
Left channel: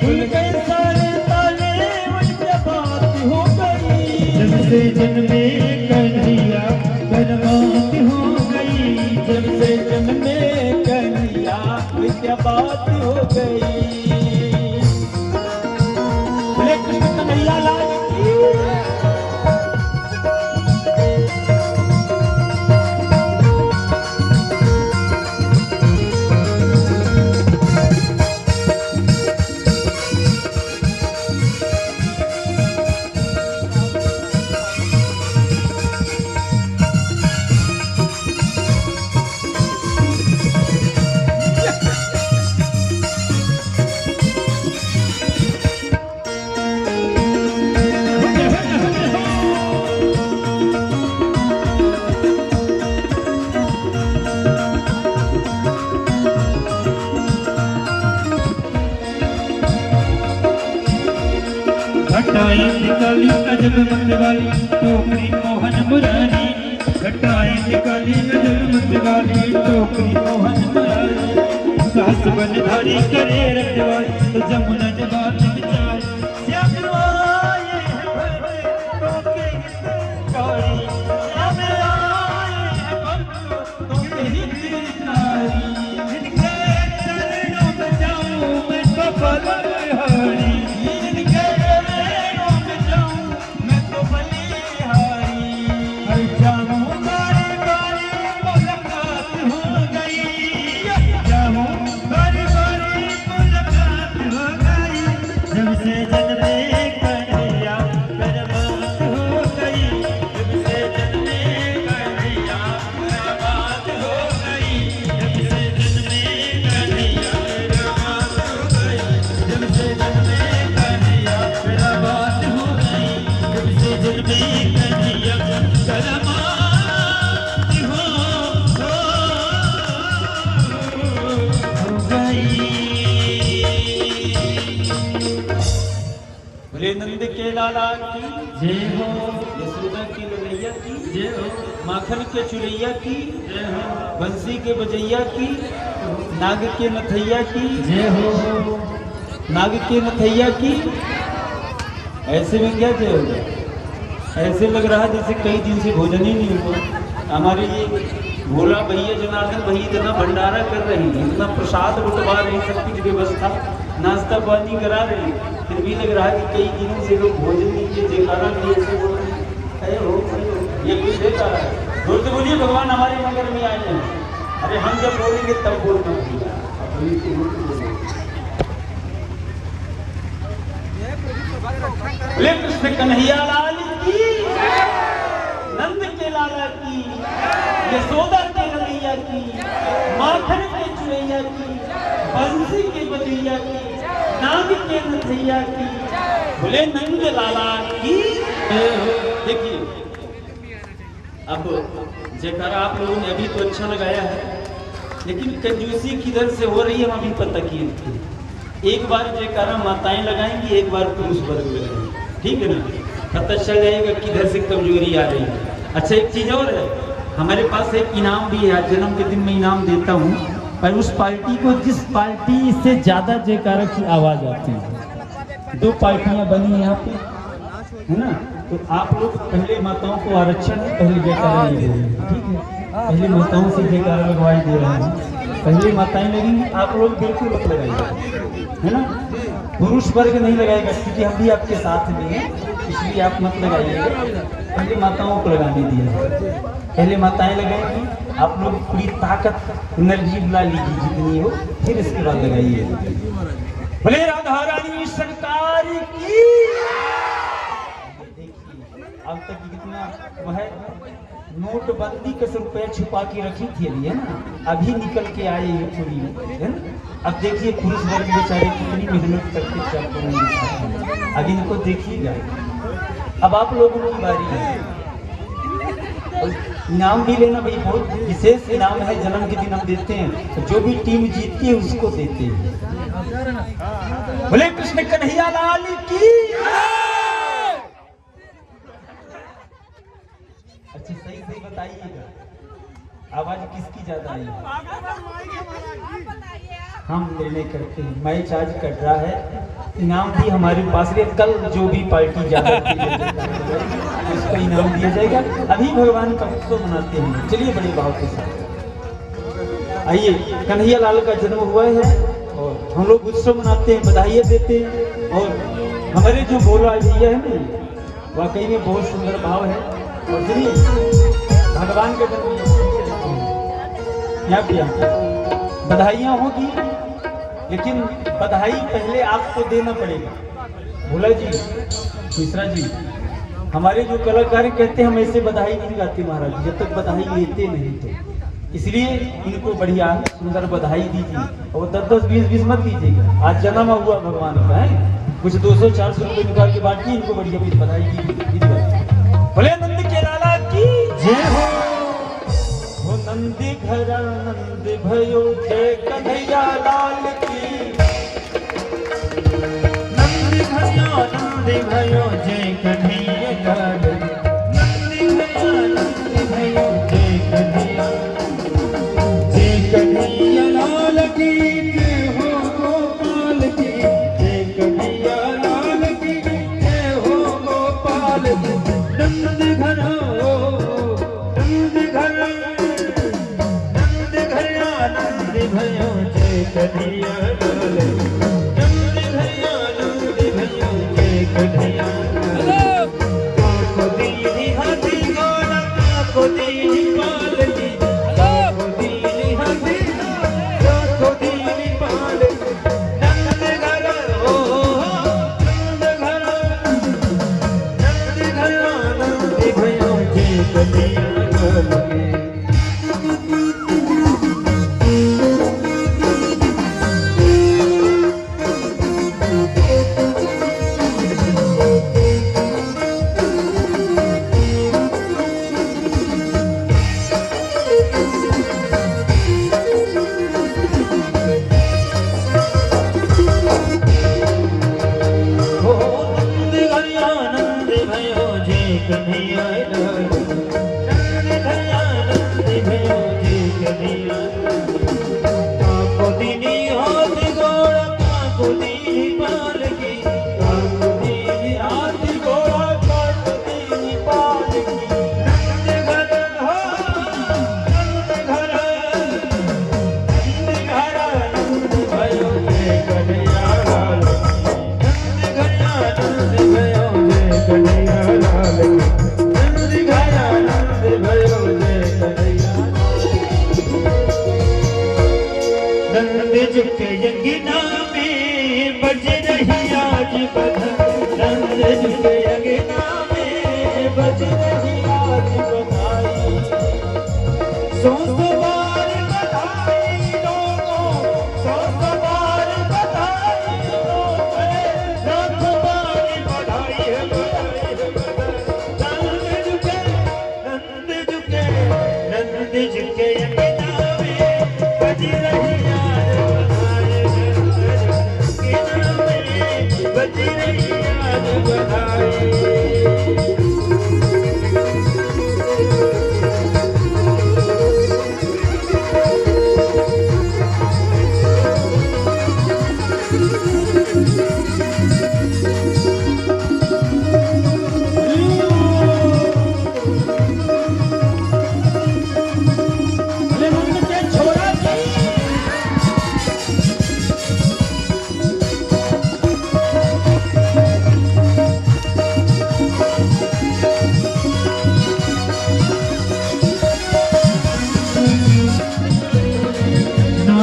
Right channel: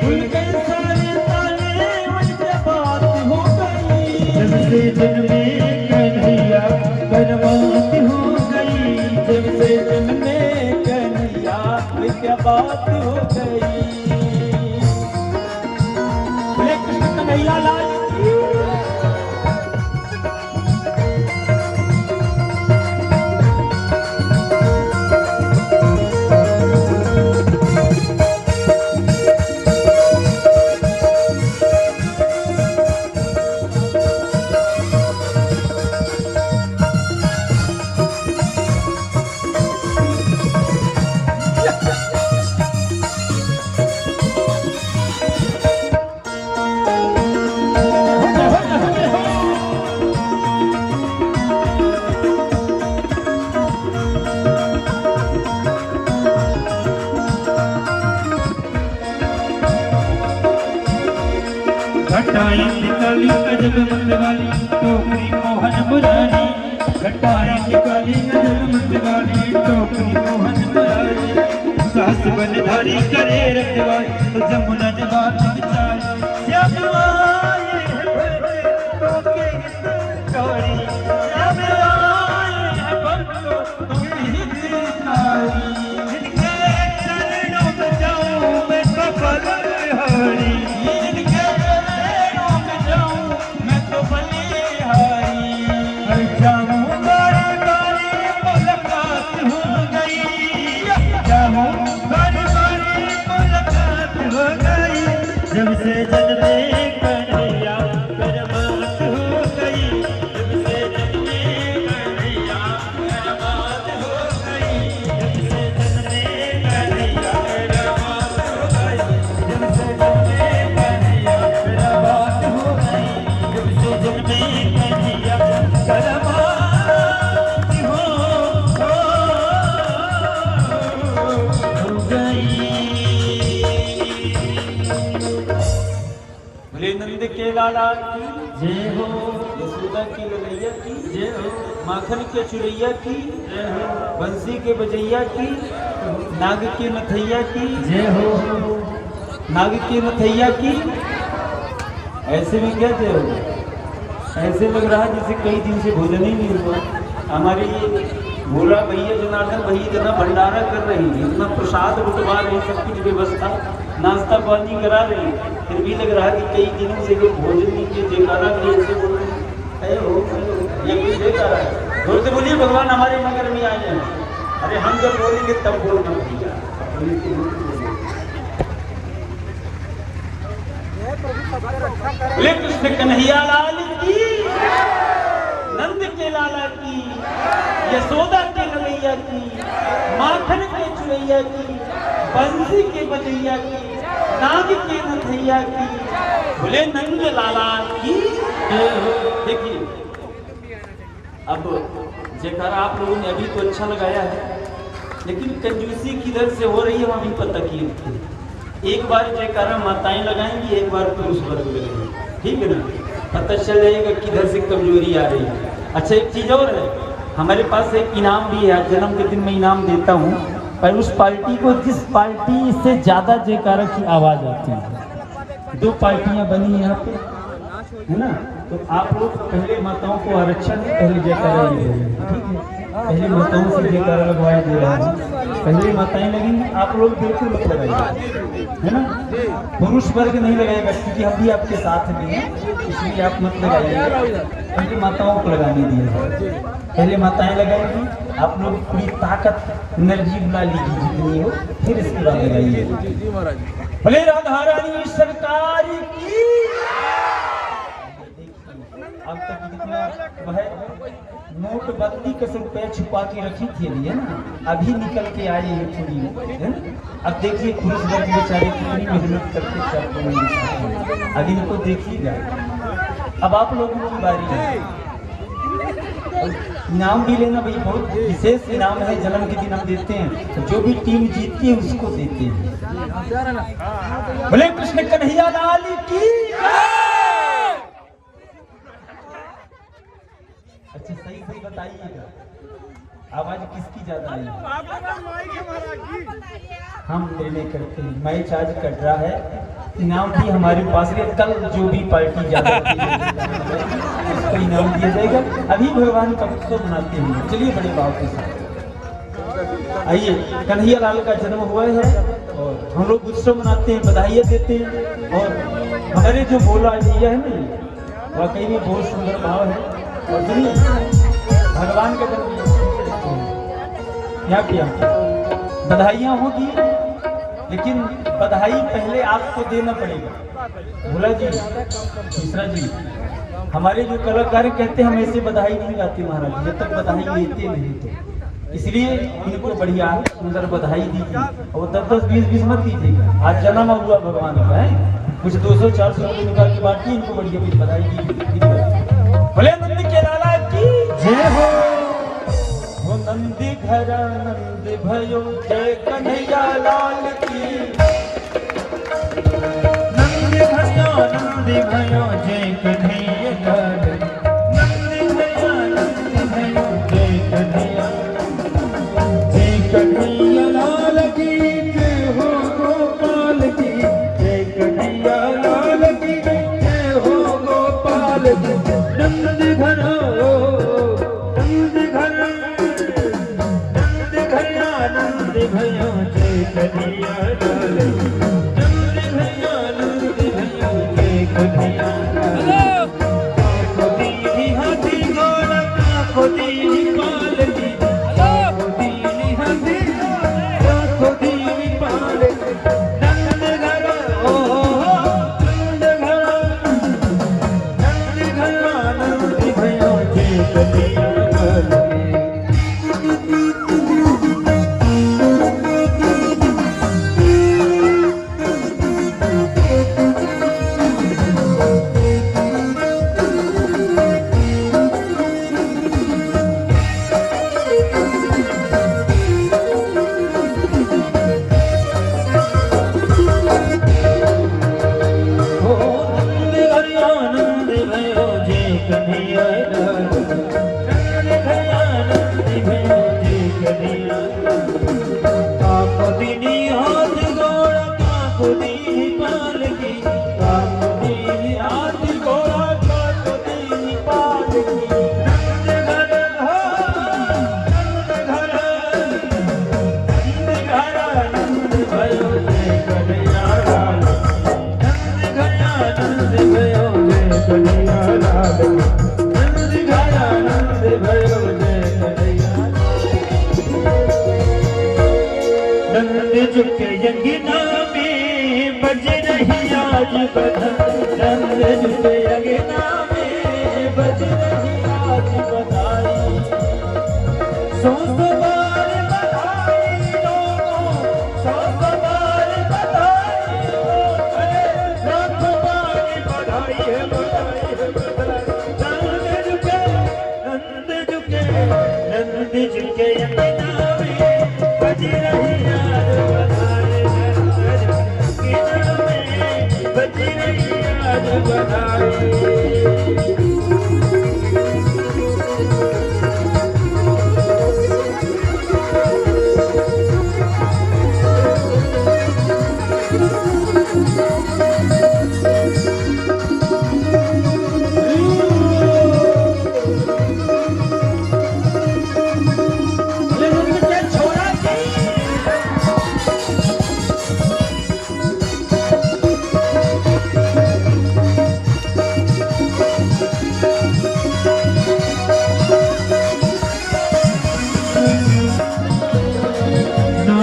भूल गए सारे ताले उनकी बात हो गई जब से जन्मे कन्हैया करमात हो गई जब से जन्मे कन्हैया क्या बात हो गई। बोले कृष्ण कन्हैया लाल की। घटाई निकाली अजब मतवाली टोकरी मोहन मुरारी घटाई निकाली अजब मतवाली टोकरी मोहन मुरारी सास बनधारी करे रखवाली तो जमुना जहान चाय श्याम आए भक्तों के हितकारी श्याम आए भक्तों के हितकारी जिनके चरणों में जाऊं मैं सफल हरी जब से जन्मे कन्हैया करमात हो गई जब से जन्मे कन्हैया करमात हो गई जब से जन्मे कन्हैया करमात हो गई जब से जन्मे कन्हैया करमात हो गई जब से जन्मे कन्हैया करमात हो गई। बोले नंद के लाला की जय हो यशोदा की ललैया की जय हो माखन के चुरैया की जय हो बंसी के बजैया की नाग के नथैया की जय हो नाग के नथैया की। ऐसे में क्या थे ऐसे लग रहा जैसे कई दिन से भोजन ही नहीं हुआ। हमारे ये भोला भैया जनार्दन भैया इतना भंडारा कर रही है इतना प्रसाद रुकवा रहे सब कुछ व्यवस्था नाश्ता पानी करा रहे हैं फिर भी लग रहा है कि कई दिन से कोई भोजन नहीं किए जयकारा नहीं ऐसे बोल रहे ये कुछ देखा बोल तो बोलिए भगवान हमारे नगर में आए हैं। अरे हम जब बोलेंगे तब बोले कृष्ण कन्हैया लाल की नंद के लाला की यशोदा के ललैया की माखन के चुरैया की बंसी के बजैया की नाग के नथैया की बोले नंद लाला की। देखिए अब जयकारा आप लोगों ने अभी तो अच्छा लगाया है लेकिन कंजूसी किधर से हो रही है अभी तो तकिए एक बार जयकारा माताएं लगाएंगी एक बार पुरुष वर्ग लगाएंगे ठीक है ना पता चल जाएगा किधर से कमजोरी आ रही है। अच्छा एक चीज और है हमारे पास एक इनाम भी है जन्म के दिन मैं इनाम देता हूँ पर उस पार्टी को जिस पार्टी से ज्यादा जयकारा की आवाज होती है। दो पार्टियां बनी है यहाँ पे है ना तो आप लोग पहले माताओं को आरक्षण पहले जयकारा दे रहे हैं ठीक है पहले माताओं से जयकारा लगवाए दे रहे हैं पहले माताएं लगेंगी, आप लोग बिल्कुल मत लगाइए, है ना। पुरुष वर्ग नहीं लगाएगा क्योंकि हम भी आपके साथ में हैं, इसलिए आप मत लगाइए। पहले माताओं को लगाने दिया, पहले माताएं लगाएंगी, आप लोग पूरी ताकत एनर्जी बुला लीजिए जितनी हो, फिर इसके बाद लगाइए। भले राधा रानी सरकार की। अब तक जितना वह नोटबंदी के सब पैर छुपा के रखी थी अभी, है ना, अभी निकल के आए ये पूरी, है ना। अब देखिए पुरुष वर्ग बेचारे कितनी मेहनत करके सबको नहीं दिखाते, अभी इनको देखिएगा। अब आप लोगों की बारी है, इनाम भी लेना भाई, बहुत विशेष इनाम है, जन्म के दिन हम देते हैं, तो जो भी टीम जीतती है उसको देते हैं। बोले कृष्ण कन्हैया लाल की। अच्छा सही सही बताइएगा, आवाज किसकी ज्यादा आई? हम निर्णय करते हैं, मैच आज कट रहा है, इनाम भी हमारे पास है, कल जो भी पार्टी ज्यादा उसको इनाम दिया जाएगा। अभी भगवान का उत्सव मनाते हैं, चलिए बड़े भाव के साथ आइए। कन्हैया लाल का जन्म हुआ है और हम लोग उत्सव मनाते हैं, बधाइयाँ देते हैं। और हमारे जो भोला भैया है ना, वाकई में बहुत सुंदर भाव है। और सुनिए भगवान का जन्म क्या किया, बधाइयाँ होगी, लेकिन बधाई पहले आपको देना पड़ेगा। भोला जी, तीसरा जी, हमारे जो कलाकार कहते हैं हम ऐसे बधाई नहीं गाते महाराज जब तक बधाई लेते नहीं थे, इसलिए इनको बढ़िया सुंदर बधाई दीजिए और 10-10, 20-20 मत दीजिएगा। आज जन्म हुआ भगवान का है, कुछ 200-400 रुपये निकाल के बांटिए, इनको बढ़िया भी बधाई दीजिए। भोले नंद के लाला की जय हो। नंदी घर नंद भयो जय कन्हैया लाल की। नंद भयो जय कन्हैया लाल, नंद भयो जय कन्हैया, जय कन्हैया लाल की जय हो गोपाल की, जय कन्हैया लाल की जय हो गोपाल की। नंद घर नंद भयो जय कन्हैया लाल, नंद भैया नंद भयो जय कन्हैया लाल। को दीनी हाथी गोरा को दीनी पाल की, को दीनी हाथी को दीनी पाल की। नंद घर ओ नंद घर नंद भयो जय कन्हैया लाल की।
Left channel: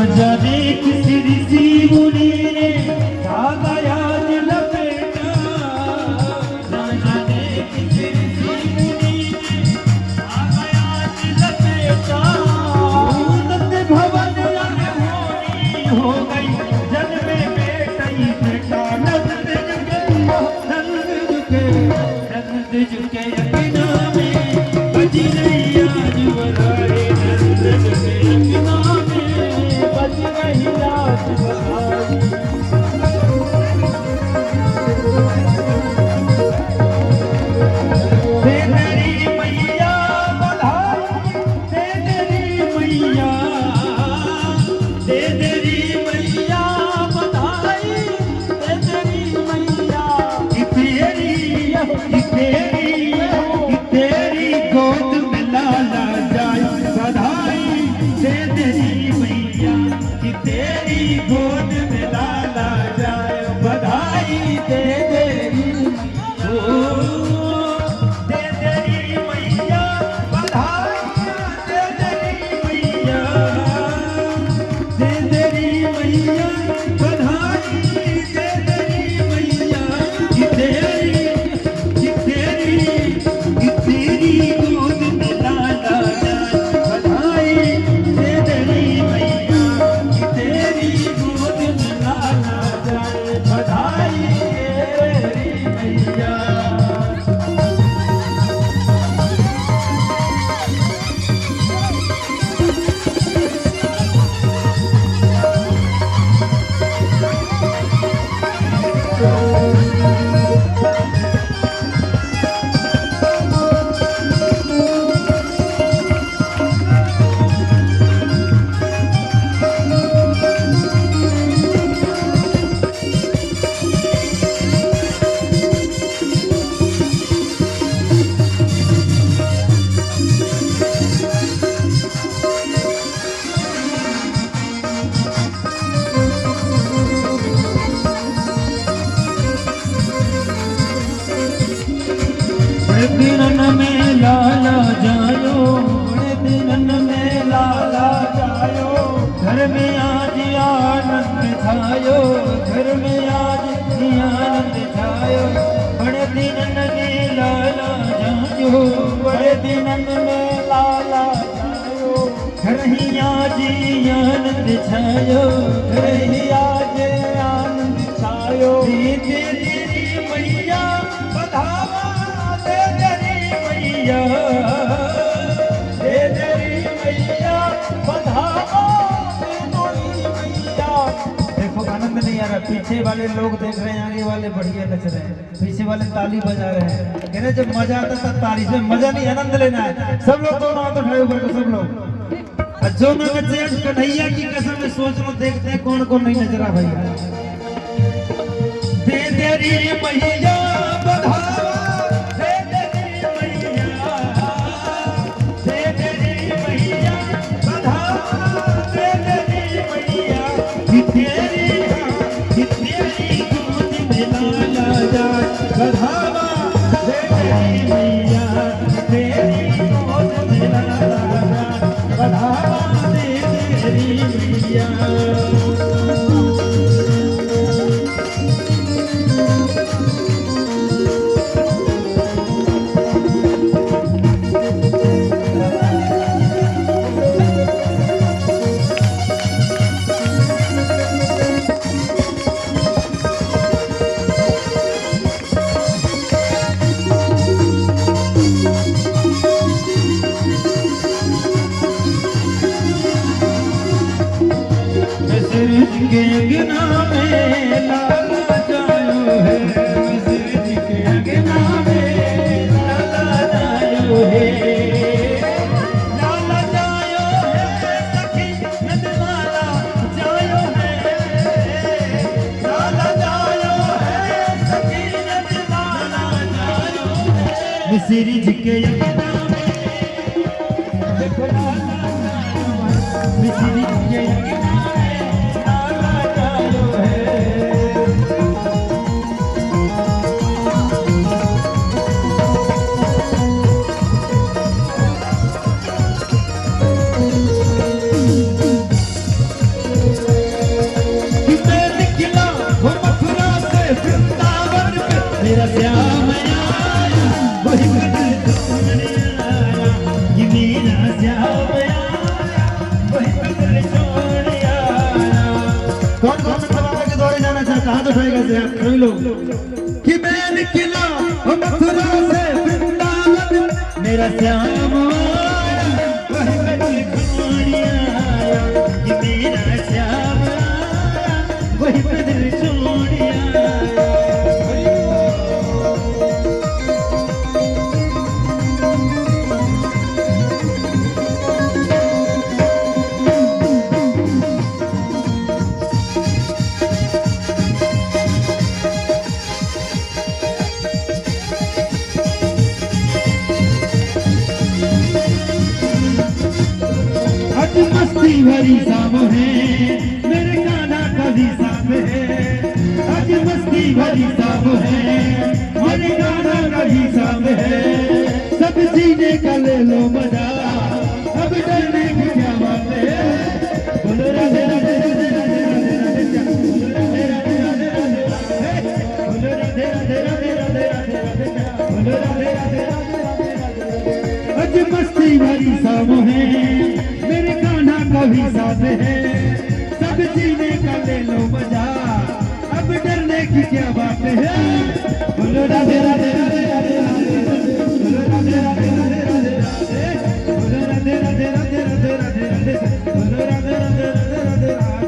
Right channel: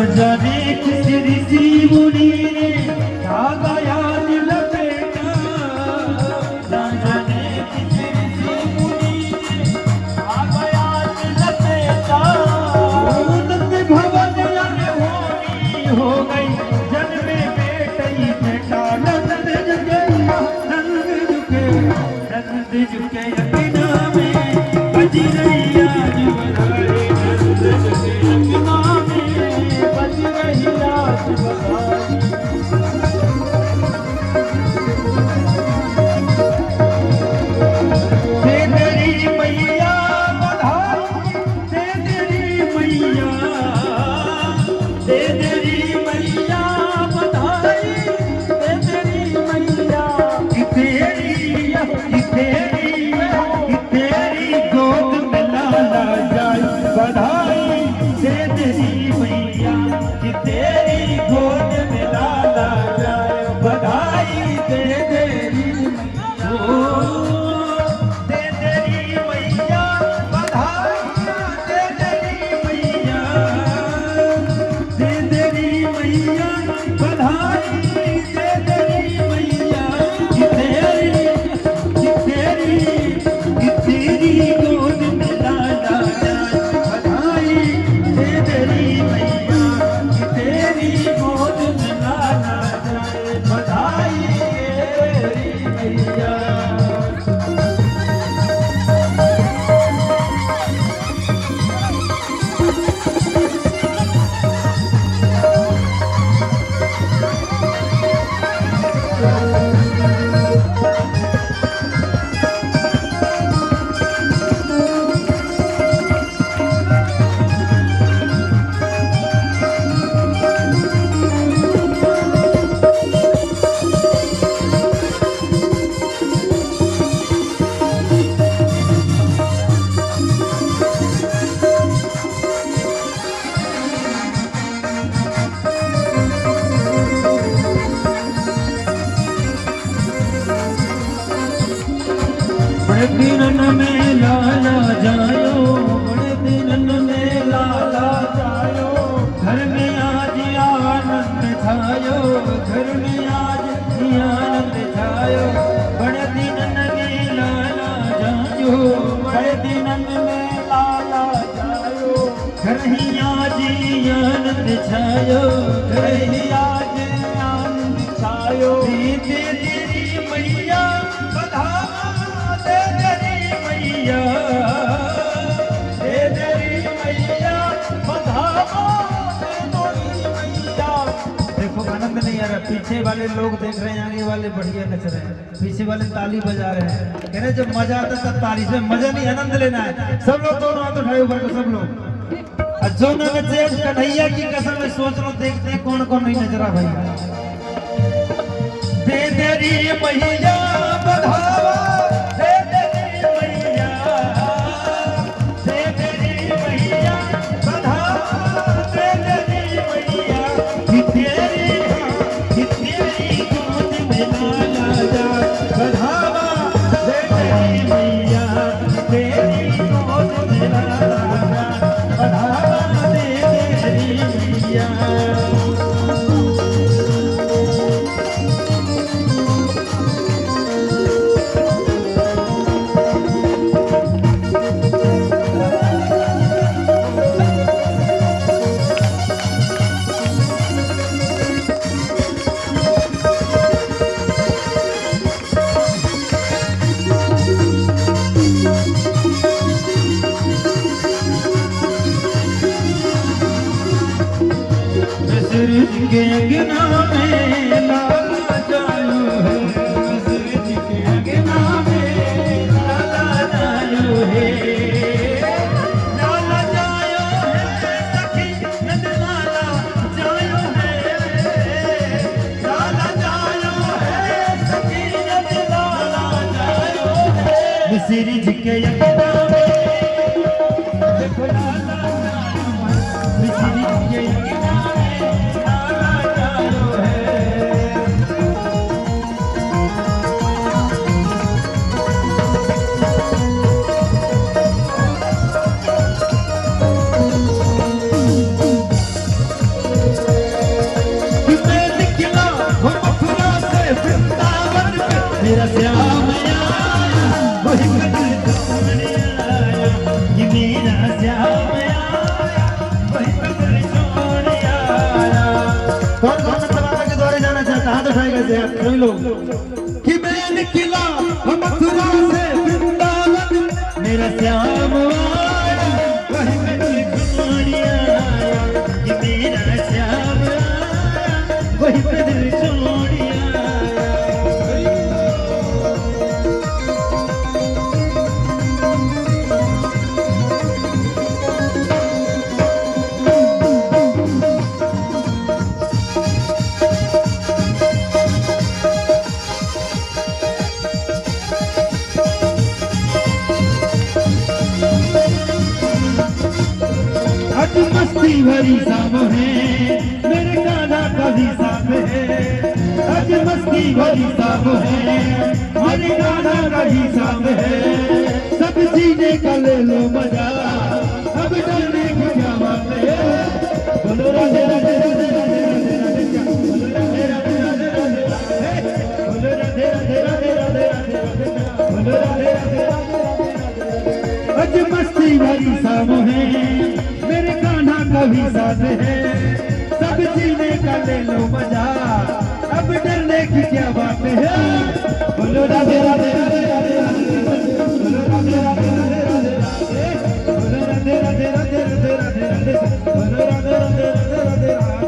जाने किस ऋषि मुनि ने धागा याद लपेटा, ना जाने किस ऋषि मुनि ने धागा याद लपेटा। उन्नत भवन हो गई जन्मे बेटा ही बेटा, नंद झुके अंगना में बजी रही आज बधाई, नंद झुके अंगना में बजी रही आज बधाई। दे तेरी मैया बधाई, दे तेरी मैया, दे तेरी मैया बधाई, दे तेरी मैया। कि तेरी गोद में लाला जाए बधाई, दे तेरी मैया। कि तेरी गोद में लाला जाए बधाई, दे तेरी दे तेरी मैया बधाई, दे तेरी मैया, दे तेरी मैया बधाई, दे तेरी मैया। कि तेरी गोद में लाला जाए बधाई, दे तेरी मैया। कि तेरी गोद में लाला जाए बधाई, तेरी मैया। बड़े दिनन में लाला जायो, बड़े दिनन में लाला जायो, घर में आज आनंद छायो, घर में आज आनंद छायो। बड़े दिनन में लाला जायो, बड़े दिनन में लाला जायो, घर ही आज आनंद छायो, घर ही आज आनंद छायो। दे तेरी मैया बधावा, दे तेरी मैया, दे तेरी मैया बधावा, दे तेरी मैया। देखो आनंद नहीं आ रहा, पीछे वाले लोग देख रहे हैं, आगे वाले बढ़िया नच रहे हैं, पीछे वाले ताली बजा रहे हैं। कह रहे जब मजा आता तब ताली से मजा नहीं, आनंद लेना है। सब लोग दोनों हाथ उठाए ऊपर को, सब लोग। और जो न नचे कन्हैया की कसम में सोच लो, देखते हैं कौन कौन नहीं नच रहा भाई। दे तेरी मैया बधावा, दे तेरी मैया, दे तेरी मैया बधावा, दे तेरी मैया। कि तेरी गोद में लाला जाए बधावा, दे तेरी मैया। तेरी गोद में लाला जाए बधावा, दे तेरी मैया। के अंगना में लाला जायो है, किसी के अंगना में लाला जायो है, लाला जायो है, सखी नंद लाला जायो है, लाला जायो है, सखी नंद लाला जायो है। मिसरी जी के अंगना में देखो लाला जायो है, मिसरी जी के अंगना उठाएगा से आप सभी लोग कि मैं निकला मथुरा से वृंदावन, मेरा श्याम आया वही पे दिल छोड़िया आया, कि मेरा श्याम आया वही पे दिल छोड़िया आया। आज मस्ती भरी शाम है, मेरे कान्हा का भी साथ है। आज मस्ती भरी शाम है, मेरे कान्हा का भी शाम है। सब जीने का ले लो मजा, अब डरने की क्या बात है। बोलो राधे राधे राधे राधे राधे, बोलो राधे राधे राधे राधे, बोलो राधे राधे राधे राधे राधे, बोलो राधे राधे राधे। आज मस्ती भरी शाम है, मेरे कान्हा का भी साथ है। सब जीने का ले लो मजा, अब डरने की क्या बात है। बोलो राधे राधे राधे राधे राधे, बोलो राधे राधे राधे राधे राधे, बोलो राधे राधे राधे राधे राधे राधे, बोलो राधे राधे राधे राधे राधे।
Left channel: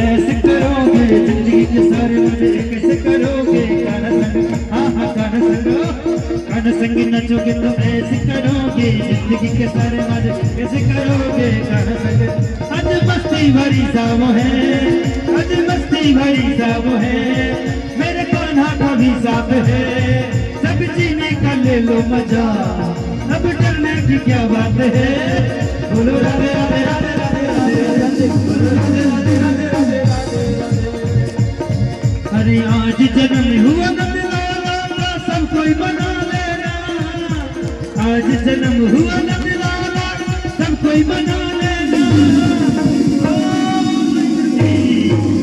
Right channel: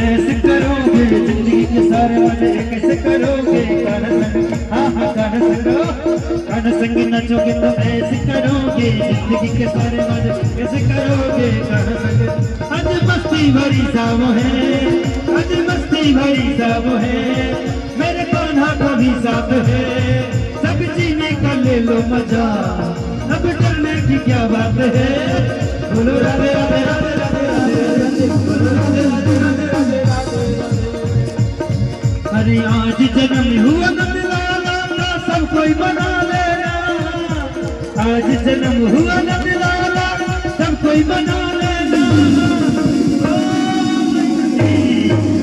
ऐसे करोगे जिंदगी के सारे मजे कैसे करोगे। कान्हा संग नचोगे तो ऐसे करोगे जिंदगी के सारे मजे कैसे करोगे। कान्हा संग आज मस्ती भरी शाम है, आज मस्ती भरी शाम है, मेरे कान्हा का भी साथ है। सब जीने का ले लो मजा, अब डरने की क्या बात है। बोलो राधे राधे राधे राधे राधे, बोलो राधे राधे राधे राधे राधे। अरे आज जन्म हुआ नंदलाला का सब कोई मना लेना, आज जन्म हुआ नंदलाला सब कोई मना लेना।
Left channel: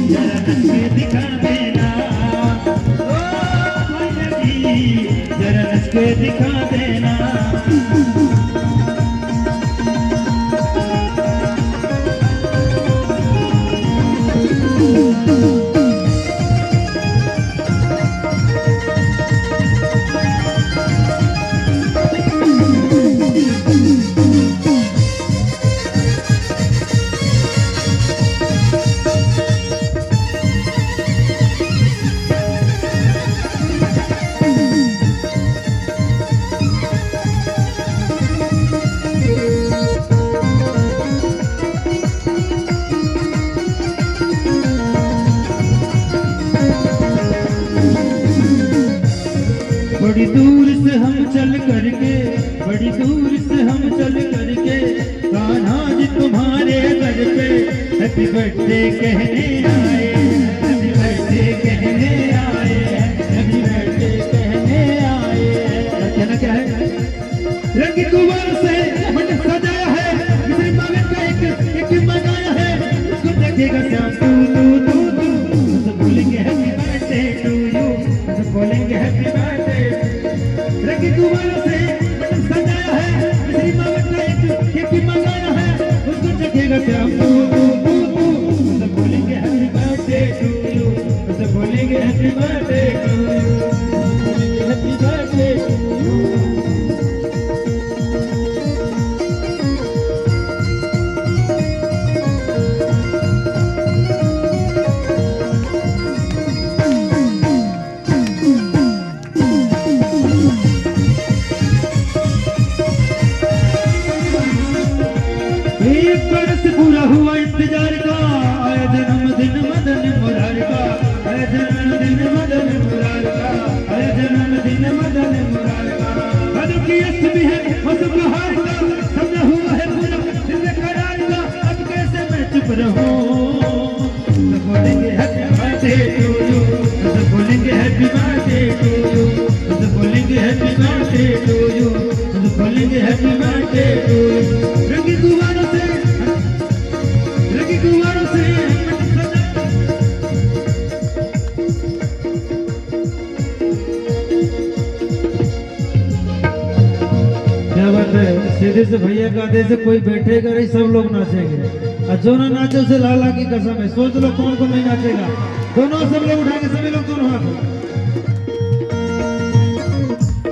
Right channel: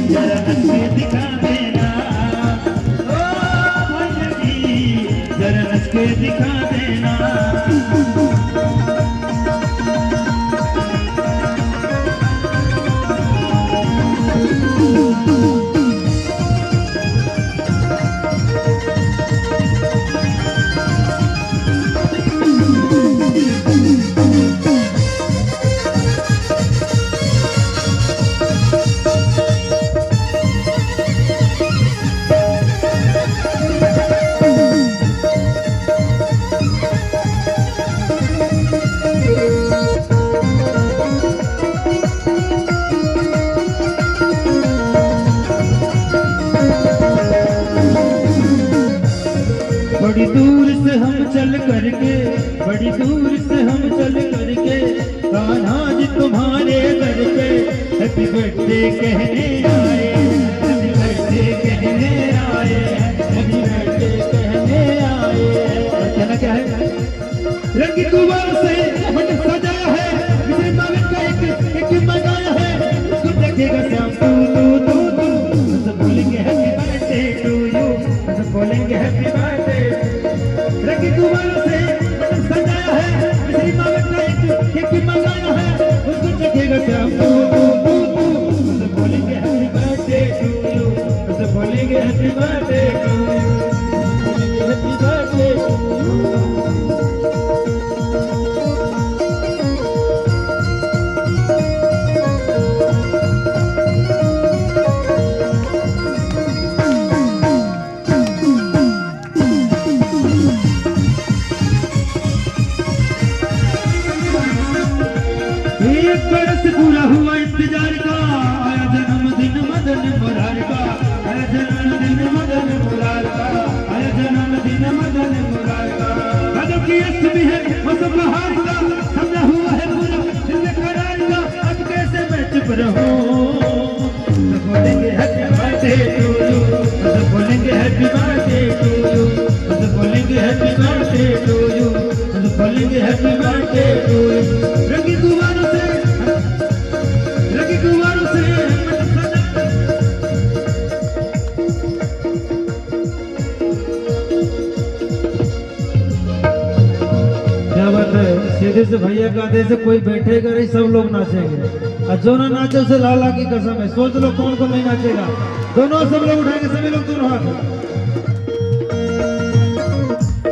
जरा नच के दिखा देना, जरा नच के दिखा देना। बड़ी दूर से हम चल करके, बड़ी दूर से हम चल करके कान्हा जी तुम्हारे दर पे हैप्पी बर्थडे कहने आए, हैप्पी बर्थडे कहने आए, हैप्पी बर्थडे कहने आए। कहना क्या है? रंग गुब्बारों से मन सजा है, किसी मावे का एक मगाया है। उसको देखेगा श्याम तू तो बोलेंगे हैप्पी बर्थडे टू यू, तो बोलेंगे हैप्पी बर्थडे। रंग गुब्बारों से मन सजाया है, किसी मावे का एक मगाया है। उसको देखेगा श्याम तू तो बोलेंगे हैप्पी बर्थडे टू यू, तो बोलेंगे happy birthday to you, happy birthday to you. Madan Murar का, है जन्मदिन मदन मुरार का, है जन्मदिन मदन मुरार का। भादों की अष्टमी है मौसम बहार का, समझा हुआ है पूरा दिल में करार का, अब कैसे मैं चुप रहूं। तो बोलेंगे हैप्पी बर्थडे टू यू, तो बोलेंगे हैप्पी बर्थडे टू यू, तो बोलेंगे हैप्पी बर्थडे टू यू, तो बोलेंगे हैप्पी बर्थडे टू यू। रंगी गुब्बारों से सीधे से भैया का आदेश से कोई बैठेगा नहीं, सब लोग नाचेंगे, और जो ना नाचे उसे लाला की कसम है। सोच लो कौन कौन नहीं नाचेगा। दोनों सब लोग उठाएंगे, सभी लोग दोनों हाथ।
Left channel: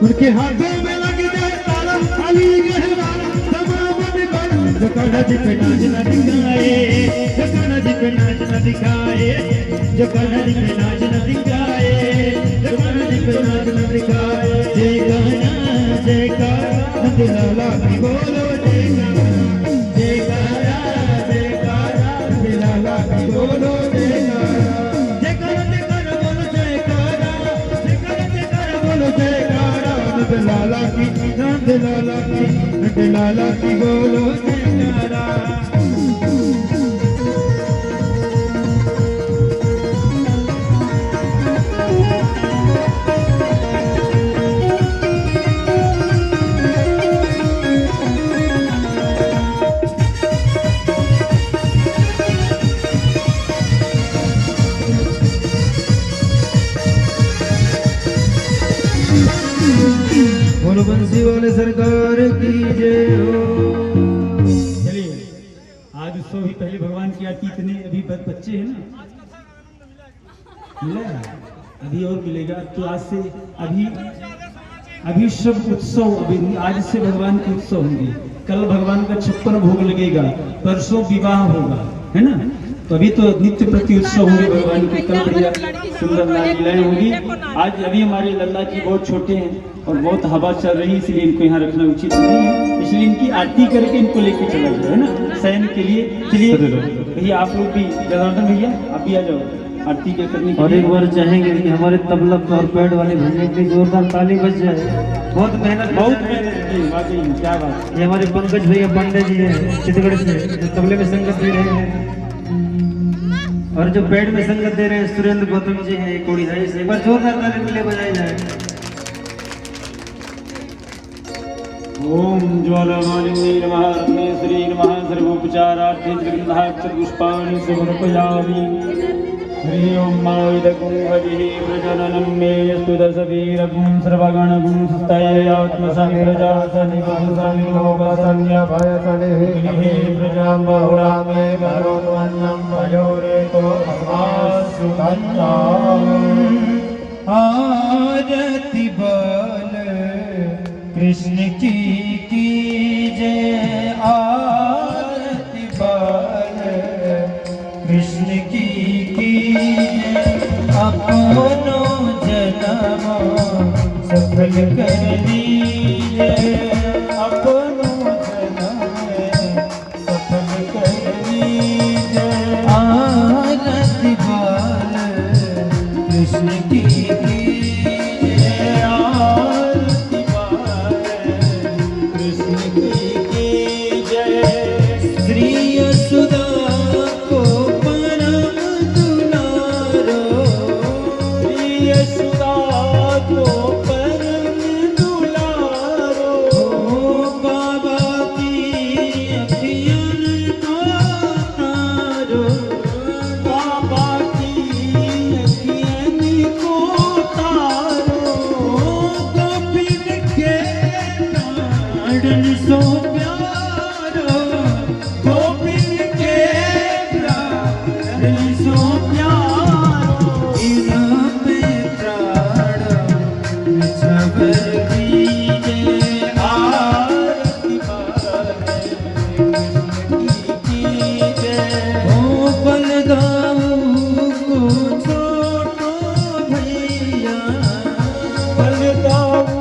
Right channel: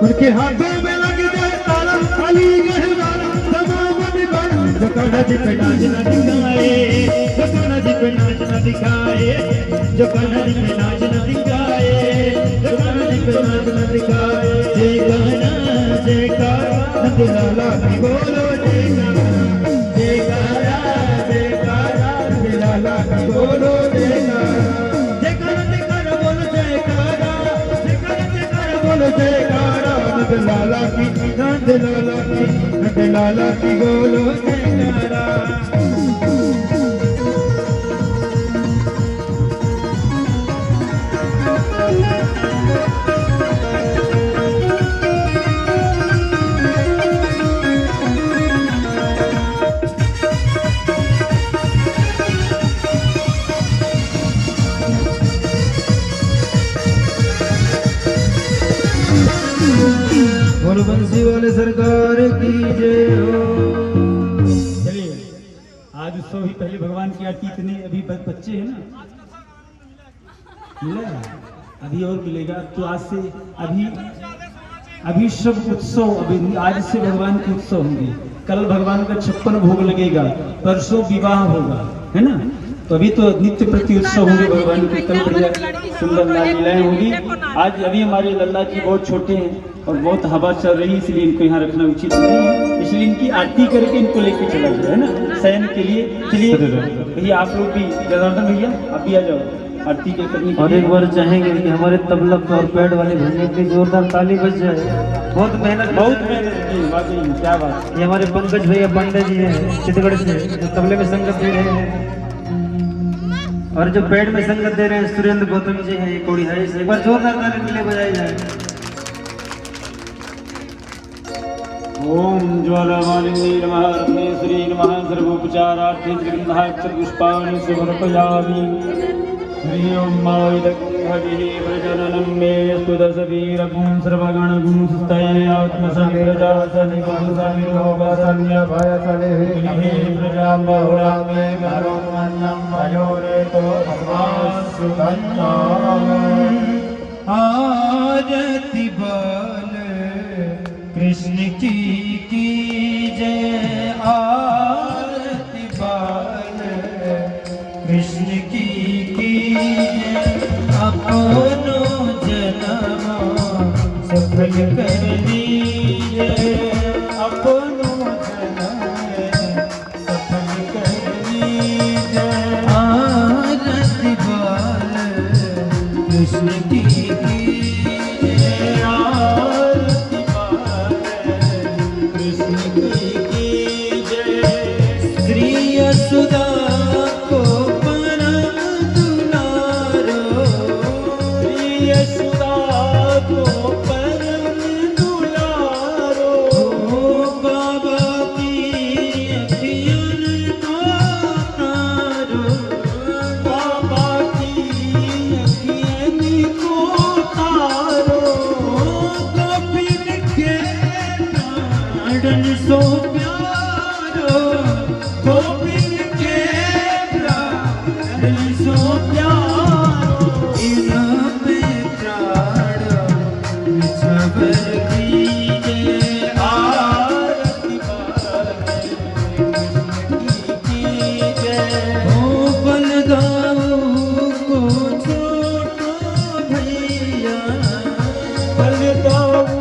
उनके हाथों में लगे जाए ताला, अली गहवाला तमाम दीवाना। जो कान्हा जी पे नाच न दिखाए, जो कान्हा जी पे नाच न दिखाए, जो कान्हा जी पे नाच न दिखाए, जो कान्हा जी पे नाच न दिखाए। जय कान्हा जय कान्हा नंदलाला की बोलो जय कान्हा, जय कान्हा जय कान्हा नंदलाला की बोलो जय कान्हा। जय कान्हा बोलो जय कान्हा, जय कान्हा बोलो जय कान्हा। नंदलाला की नंदलाला की बोलो जय कान्हा। बोलो बंसी वाले सरकार की जय हो। चलिए आज उत्सव ही पहले भगवान की आरती, इतने अभी बच्चे हैं ना, मिलेगा अभी और मिलेगा। तो आज से अभी सब उत्सव, अभी आज से भगवान के उत्सव होंगे। कल भगवान का 56 भोग लगेगा, परसों विवाह होगा, है ना। तो अभी तो नित्य प्रति उत्सव होंगे भगवान के। कल बढ़िया सुंदर लीलाएं होगी। आज अभी हमारे लल्ला जी बहुत छोटे हैं और बहुत हवा चल रही है, इसलिए इनको यहाँ रखना उचित नहीं है। इसलिए इनकी आरती करके इनको लेके चला जाए, है ना, शयन के लिए। चलिए भैया आप लोग भी, जनार्दन भैया आप भी आ जाओ आरती के करने के। और एक बार चाहेंगे कि हमारे तबला और पैड वाले भैया की जोरदार ताली बज जाए। बहुत मेहनत की, वाकई क्या बात। ये हमारे पंकज भैया पांडे जी हैं चित्तौड़गढ़ से, जो तबले में संगत दे रहे हैं, और जो पैड में संगत दे रहे हैं सुरेंद्र गौतम जी हैं कोड़ी है। एक बार जोरदार ताली मिले बजाई जाए। ओम ज्वालामालिनी नमः, रत्नेश्वरी नमः, सर्वोपचारार्थे त्रिगंधाक्षर पुष्पाणि समर्पयामि। श्रीओम मायदकुंभजिः प्रजननं मे यस्तु दशवीरगुं सर्वगणगुं सुस्तये आत्मसंप्रजासनिवासनिभोगसन्यभयसनिः प्रजां बहुलां मे करोन्वन्नं भयोरेतो भगवासुकन्नाम्। आरती बल कृष्ण की कीजिए, आरती बल कृष्ण की कीजिए। अपनो जन्म सफल कर दीजिए, अपनो जन्म सफल कर दीजिए। आरती बल कृष्ण की कीजिए, आरती कृष्ण की जय। श्री यशोदा को परम दुलारो, श्री यशोदा को परम दुलारो। बाबा की अखियन को तारो, बाबा की अखियन को तारो। गोपिन के प्राण सो प्यारो, गोपिन के प्राण सो प्यारो। इन पे प्राण निछावर कीजिए, आरती कीजिए। ओ बलदाऊ को छोटो भैया, बलदाऊ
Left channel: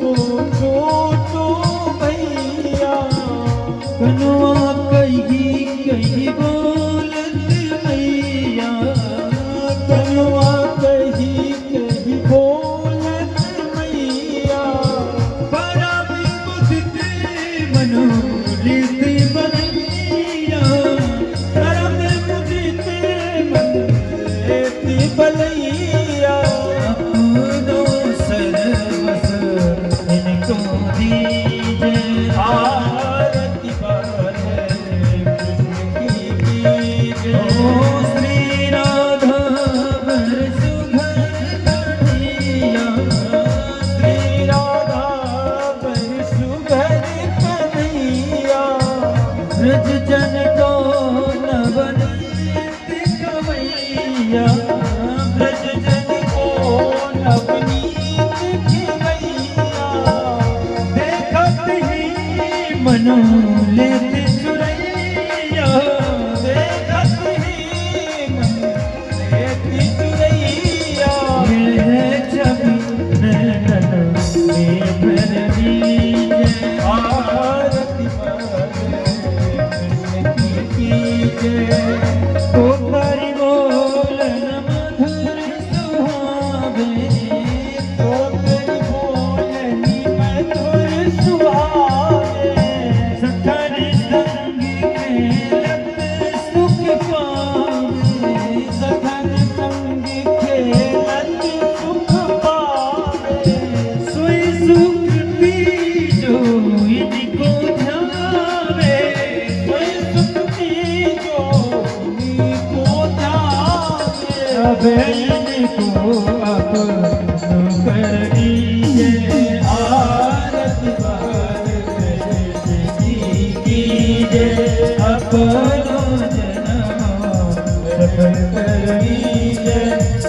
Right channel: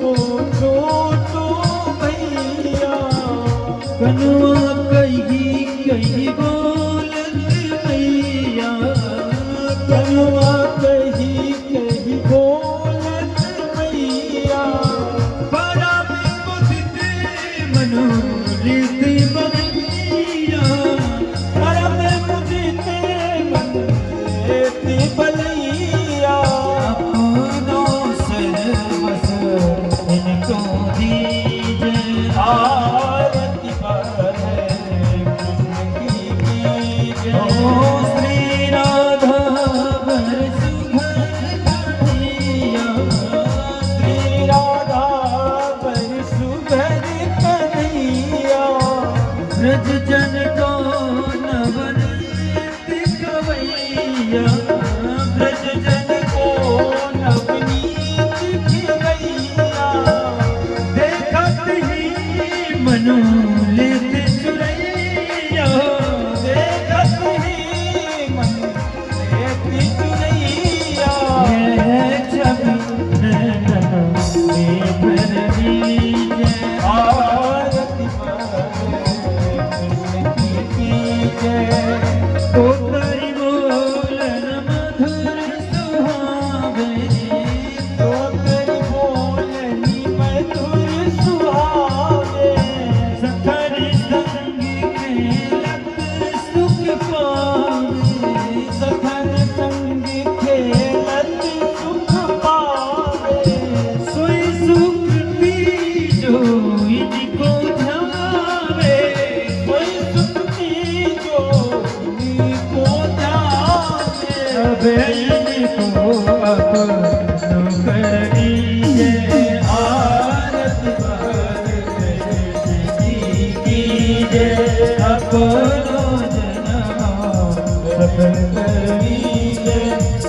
को छोटो भैया। कनुआ कही कही बोलत भैया, श्री राधा बर सुभर कन्हैया, श्री राधा बर सुभर कन्हैया, ब्रज जन को नवन दिखवैया, ब्रज जन को नवनीत खिलैया, देखत ही मनो लेते चुरैया, देखत ही मन लेते चुरैया, है छवि नैनन में भर दीजिए, आरती कृष्ण की जय, तो तारी बोलन मधुर सुहावे, तो तेरी बोलनी मधुर सुहावे, सखर संग खेलत सुख पावे, सखर संग खेलत सुख पावे, सोई सुख तीजो इनको ध्यावे, सोई सुख तीजो इनको ध्यावे, अब इनको अपनो कर दीजिए, आरती कृष्ण जी की जय, अपनो जन्म सफल कर दीजिए,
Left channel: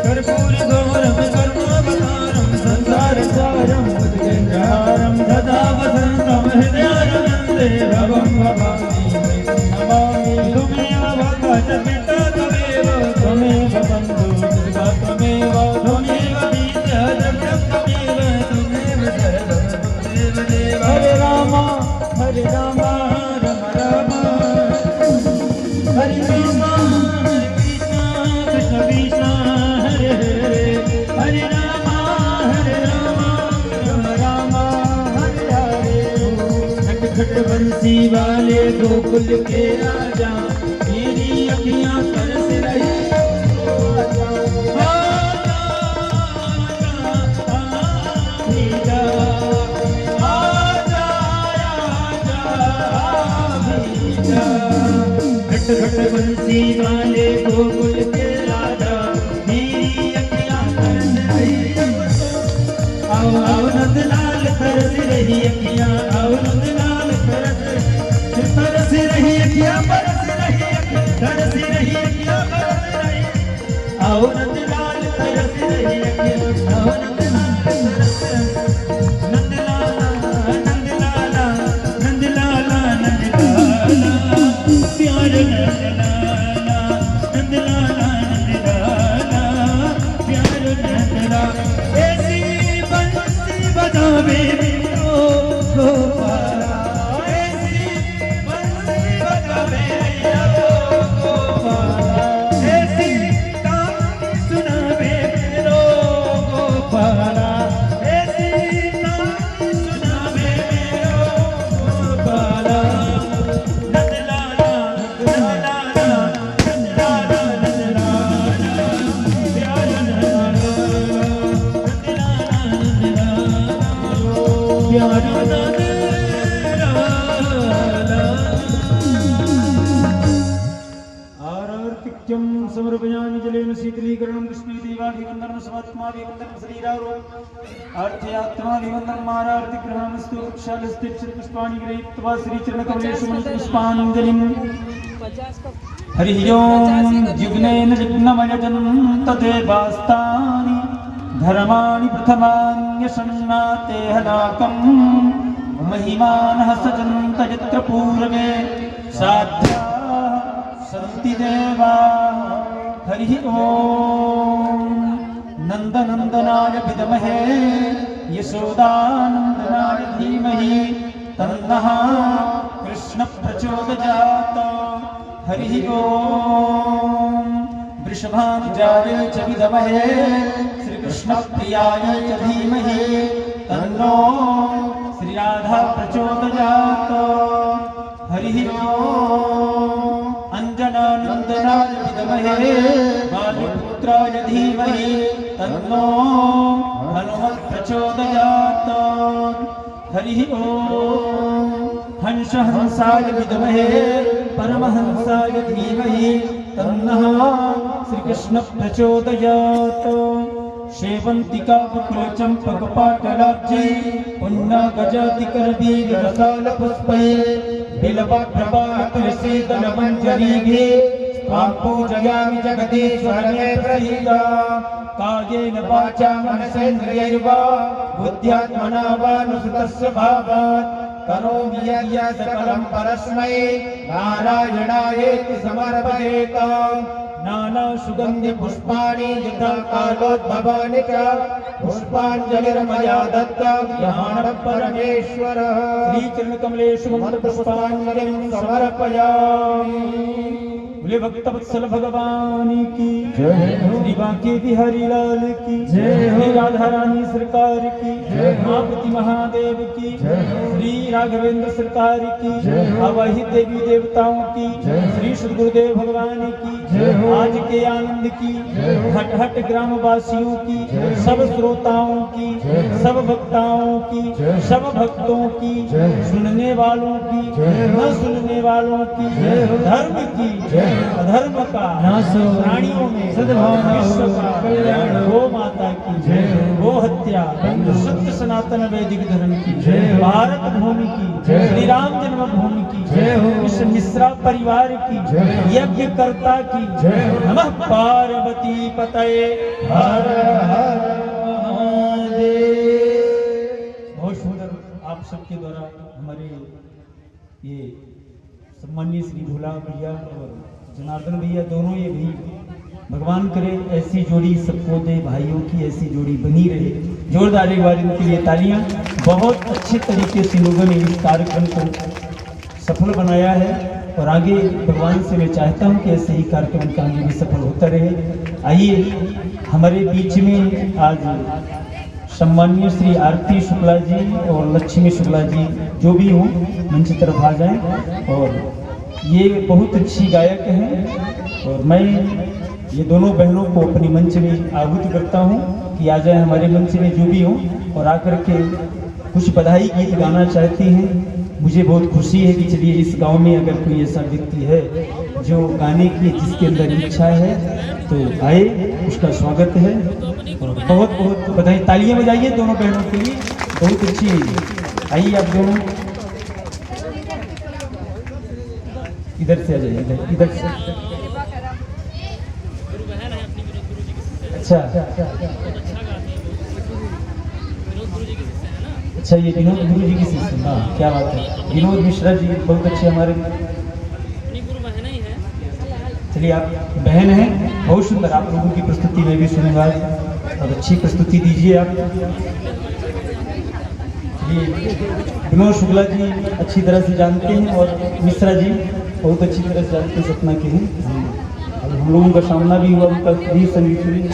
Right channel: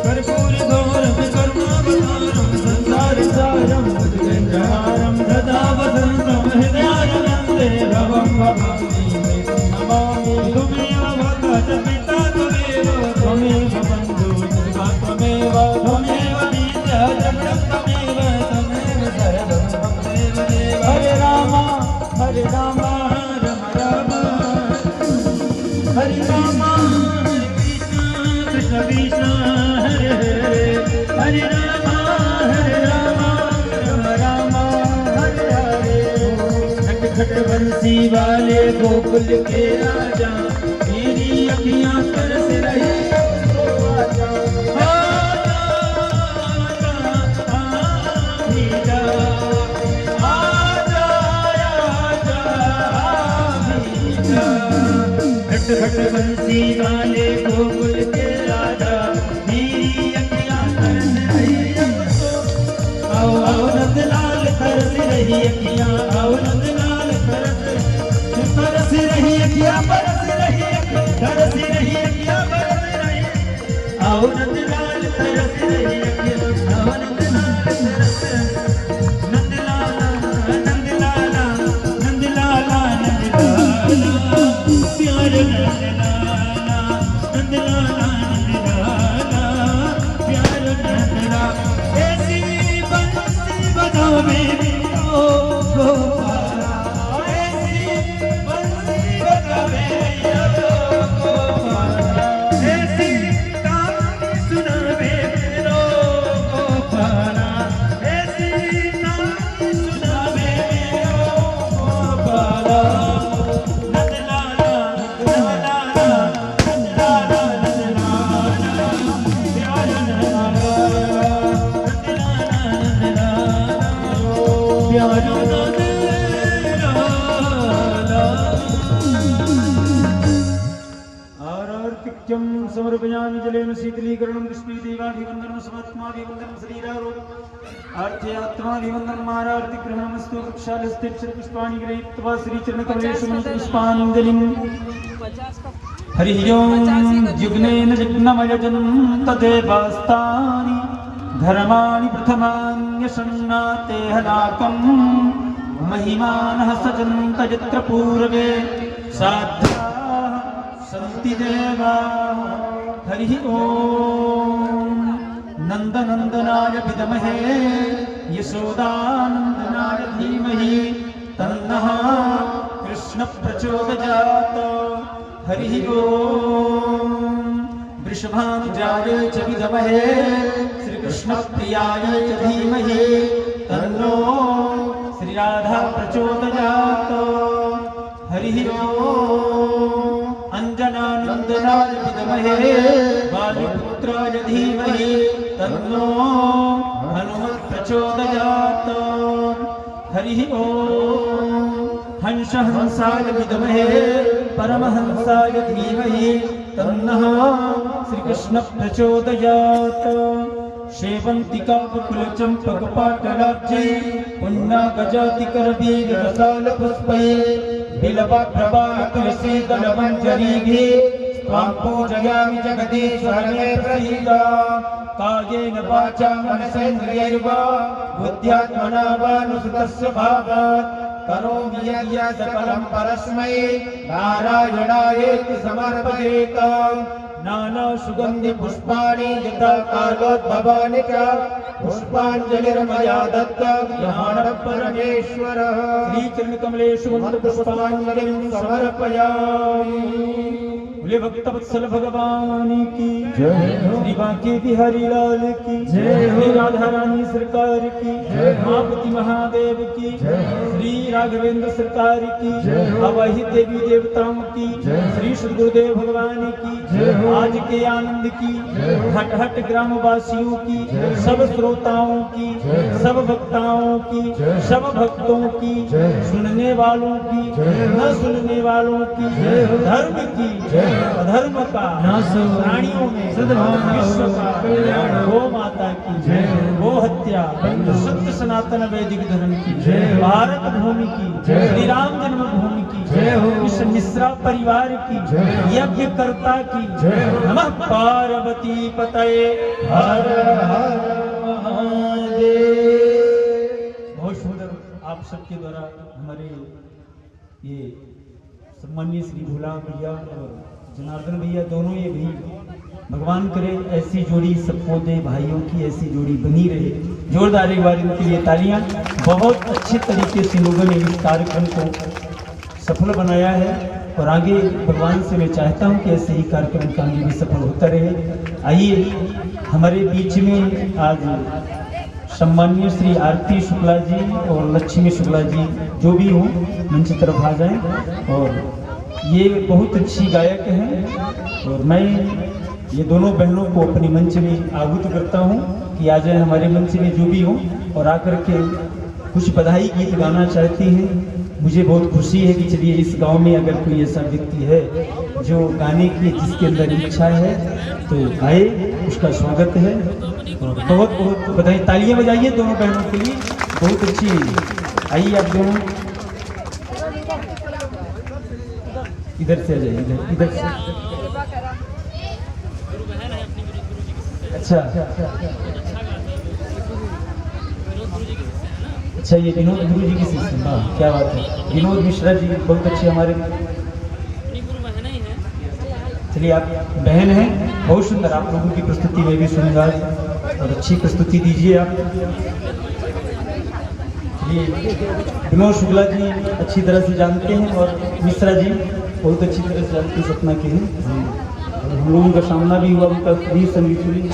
कर्पूर गौरम करुणावतारम संसार सारम भुजगेन्द्रहारम सदा वसन्तं हृदयारविन्दे भवं भवामि नमामि, त्वमेव भगवः च पिता त्वमेव, त्वमेव बन्धुः सर्वा त्वमेव, त्वमेव विद्या जगत् त्वमेव, त्वमेव सर्वं त्वमेव देव, हरे राम राम राम, हरे राम हरे कृष्ण कृष्ण कृष्ण हरे हरे, हरे राम राम राम हरे हरे, खट खट बंसी वाले गोकुल के राजा, मेरी अखियां तरस रही आजा, आजा, आजा, आजा, खट खट बंसी वाले गोकुल के राजा, मेरी अखियां तरस रही, आओ आओ नंदलाल तरस रही अखियां, आओ नंदलाल तरस रही अखियां, बरस रही तरस रही अखियां, बरस रही, आओ नंदलाल तरस रही अखियां, आओ नंदलाल तरस रही, नंदलाला नंदलाला नंदलाला नंदलाला, प्यार नंदलाला नंदलाला नंदलाला, प्यार नंदलाला, ऐसी बंसी बजावे ओ गोपाला, ऐसी बंसी बजावे ओ गोपाला, ऐसी कहानी सुनावे मेरो गोपाला, ऐसी कहानी सुनावे मेरो गोपाला, नंदलाला नंदलाला नंदलाला नंदलाला, प्यार नंदलाला आरतिक्यं समर्पयामि जलेन शीतलीकरणं कृष्णदेवाभिवन्दनं समात्माभिवन्दनं श्रीरारो अर्थयात्राभिवन्दनं मारार्तिग्रहणमस्तु वृक्षालस्तेक्षपुष्पाणि गृहीत्वा श्रीचरणकमलेषु पुष्पाञ्जलिं, हरिः ओं जुग्नेन जुग्नमयजं तदेवास्तानि धर्माणि प्रथमान्यशन्नाते हलाकम्, महिमानः सजन्त यत्र पूर्वे साध्याः सन्ति देवाः, हरिः ओं नन्दनन्दनाय विद्महे यशोदानन्दनाय धीमहि तन्नः कृष्ण प्रचोदयात्, हरिः ओं वृषभानुजाय च विद्महे श्रीकृष्णप्रियाय च धीमहि तन्नो श्रीराधा प्रचोदयात्, हरिः ओं अंजनानन्दनाय विद्महे वायुपुत्राय धीमहि तन्नो हनुमत् प्रचोदयात्, हरिः ओं हंसहंसाय विद्महे परमहंसाय धीमहि तन्नः श्रीकृष्ण प्रचोदयात्। शेवन्तिका बकुलचम्पकपाटलाब्जे पुण्यगजातिकरवीररसालपुष्पै बिलवप्रभातुलसीदलमञ्जरीभिः त्वां पूजयामि जगदीश्वर मे प्रसीद। कायेन वाचा मनसेन्द्रियैर्वा बुद्ध्यात्मना वानुसृतस्य भावात् करोमि यद्यत् सकलं परस्मै नारायणायेति समर्पयेत्। नाना सुगन्धि पुष्पाणि यथा कालोद्भवानि च पुष्पाञ्जलिर्मया दत्ता ध्यान परमेश्वरः। श्रीचरणकमलेषु पुष्पाञ्जलिं समर्पयामि। बोले भक्त वत्सल भगवान की जय, श्री बांके बिहारी लाल की जय, श्री राधा रानी सरकार की जय, मापति महादेव की जय, श्री राघवेंद्र सरकार की जय, अवहि देवी देवताओं की जय, श्री श्री गुरुदेव भगवान की जय, आज के आनंद की हट हट ग्राम वासियों की सब श्रोताओं की सब वक्ताओं की सब भक्तों की सुनने वालों की न सुनने वालों की धर्म की धर्म का प्राणियों में सद्भावना विश्व का कल्याण गो माता की गो हत्या सत्य सनातन वैदिक धर्म की भारत भूमि की श्री राम जन्मभूमि की इस मिश्रा परिवार की यज्ञकर्ता की नमः पार्वती पतये हर हर महादेव। बहुत सुंदर आप सबके द्वारा हमारे ये सम्मानीय श्री भोला भैया और जनार्दन भैया दोनों ये भी भगवान करे ऐसी जोड़ी सबको दे भाइयों की ऐसी जोड़ी बनी रहे। जोरदार एक बार इनके लिए तालियां। बहुत अच्छे तरीके से लोगों ने इस कार्यक्रम को सफल बनाया है और आगे भगवान से मैं चाहता हूं कि ऐसे ही कार्यक्रम का आगे भी सफल होता रहे। आइए हमारे बीच में आज सम्मानीय श्री आरती शुक्ला जी और लक्ष्मी शुक्ला जी जो भी हों मंच तरफ आ जाएं। और ये बहुत अच्छी गायक हैं और मैं ये दोनों बहनों को अपने मंच में आहूत करता हूँ कि आ जाए हमारे मंच में जो भी हो और आकर के कुछ बधाई गीत गाना चाहती हैं। मुझे बहुत खुशी है कि चलिए इस गांव में अगर कोई ऐसा व्यक्ति है जो गाने की जिसके अंदर इच्छा है तो गाए, उसका स्वागत है और बहुत बहुत बधाई। तालियां बजाइए दोनों बहनों के लिए, बहुत अच्छी। आइए आप दोनों इधर से आ जाइए, इधर से। अच्छा अच्छा, ये विनोद गुरु जी की शिष्य। हाँ क्या बात है, विनोद मिश्रा जी बहुत अच्छे हमारे। चलिए आप बहन हैं, बहुत सुंदर। आप लोगों की प्रस्तुति में भी सुनूंगा और अच्छी प्रस्तुति दीजिए आप। विनोद शुक्ला जी अच्छी तरह से जानते हैं और मिश्रा जी बहुत अच्छी तरह से जानते हैं सपना के हैं। हम लोगों का सामना भी हुआ, उनका भी संगीत हुई।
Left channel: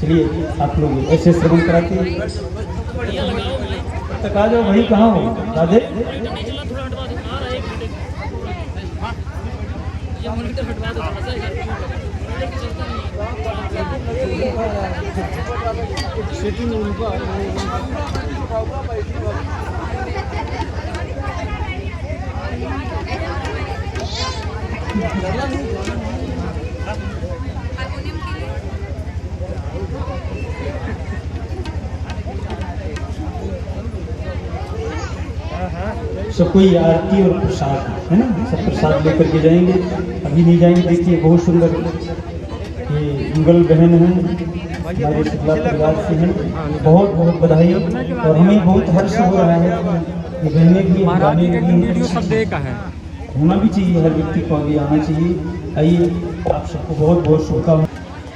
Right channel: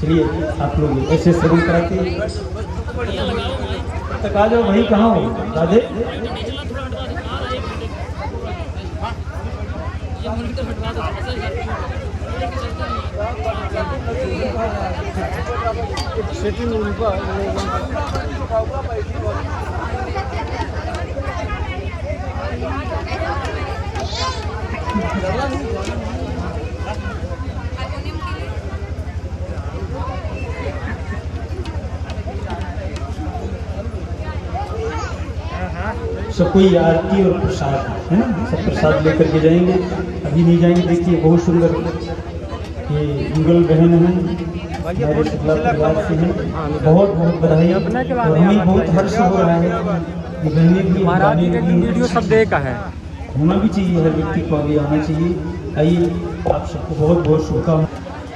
चलिए आप लोग ऐसे श्रवण कराते तक आ जाओ। भाई कहाँ हो राधे? सब कोई आरती और प्रसाद है ना, सब प्रसाद लेकर के जाएंगे। अभी नहीं जाएंगे। देखिए बहुत सुंदर ये मुगल बहन है, हमारे शुक्ला परिवार से हैं। बहुत बहुत बधाई और हमें बहुत हर्ष हो रहा है। ये बहनें भी वीडियो सब देखा है, होना भी चाहिए, हर व्यक्ति को आगे आना चाहिए। आइए आप सबको बहुत बहुत शुभकामनाएं।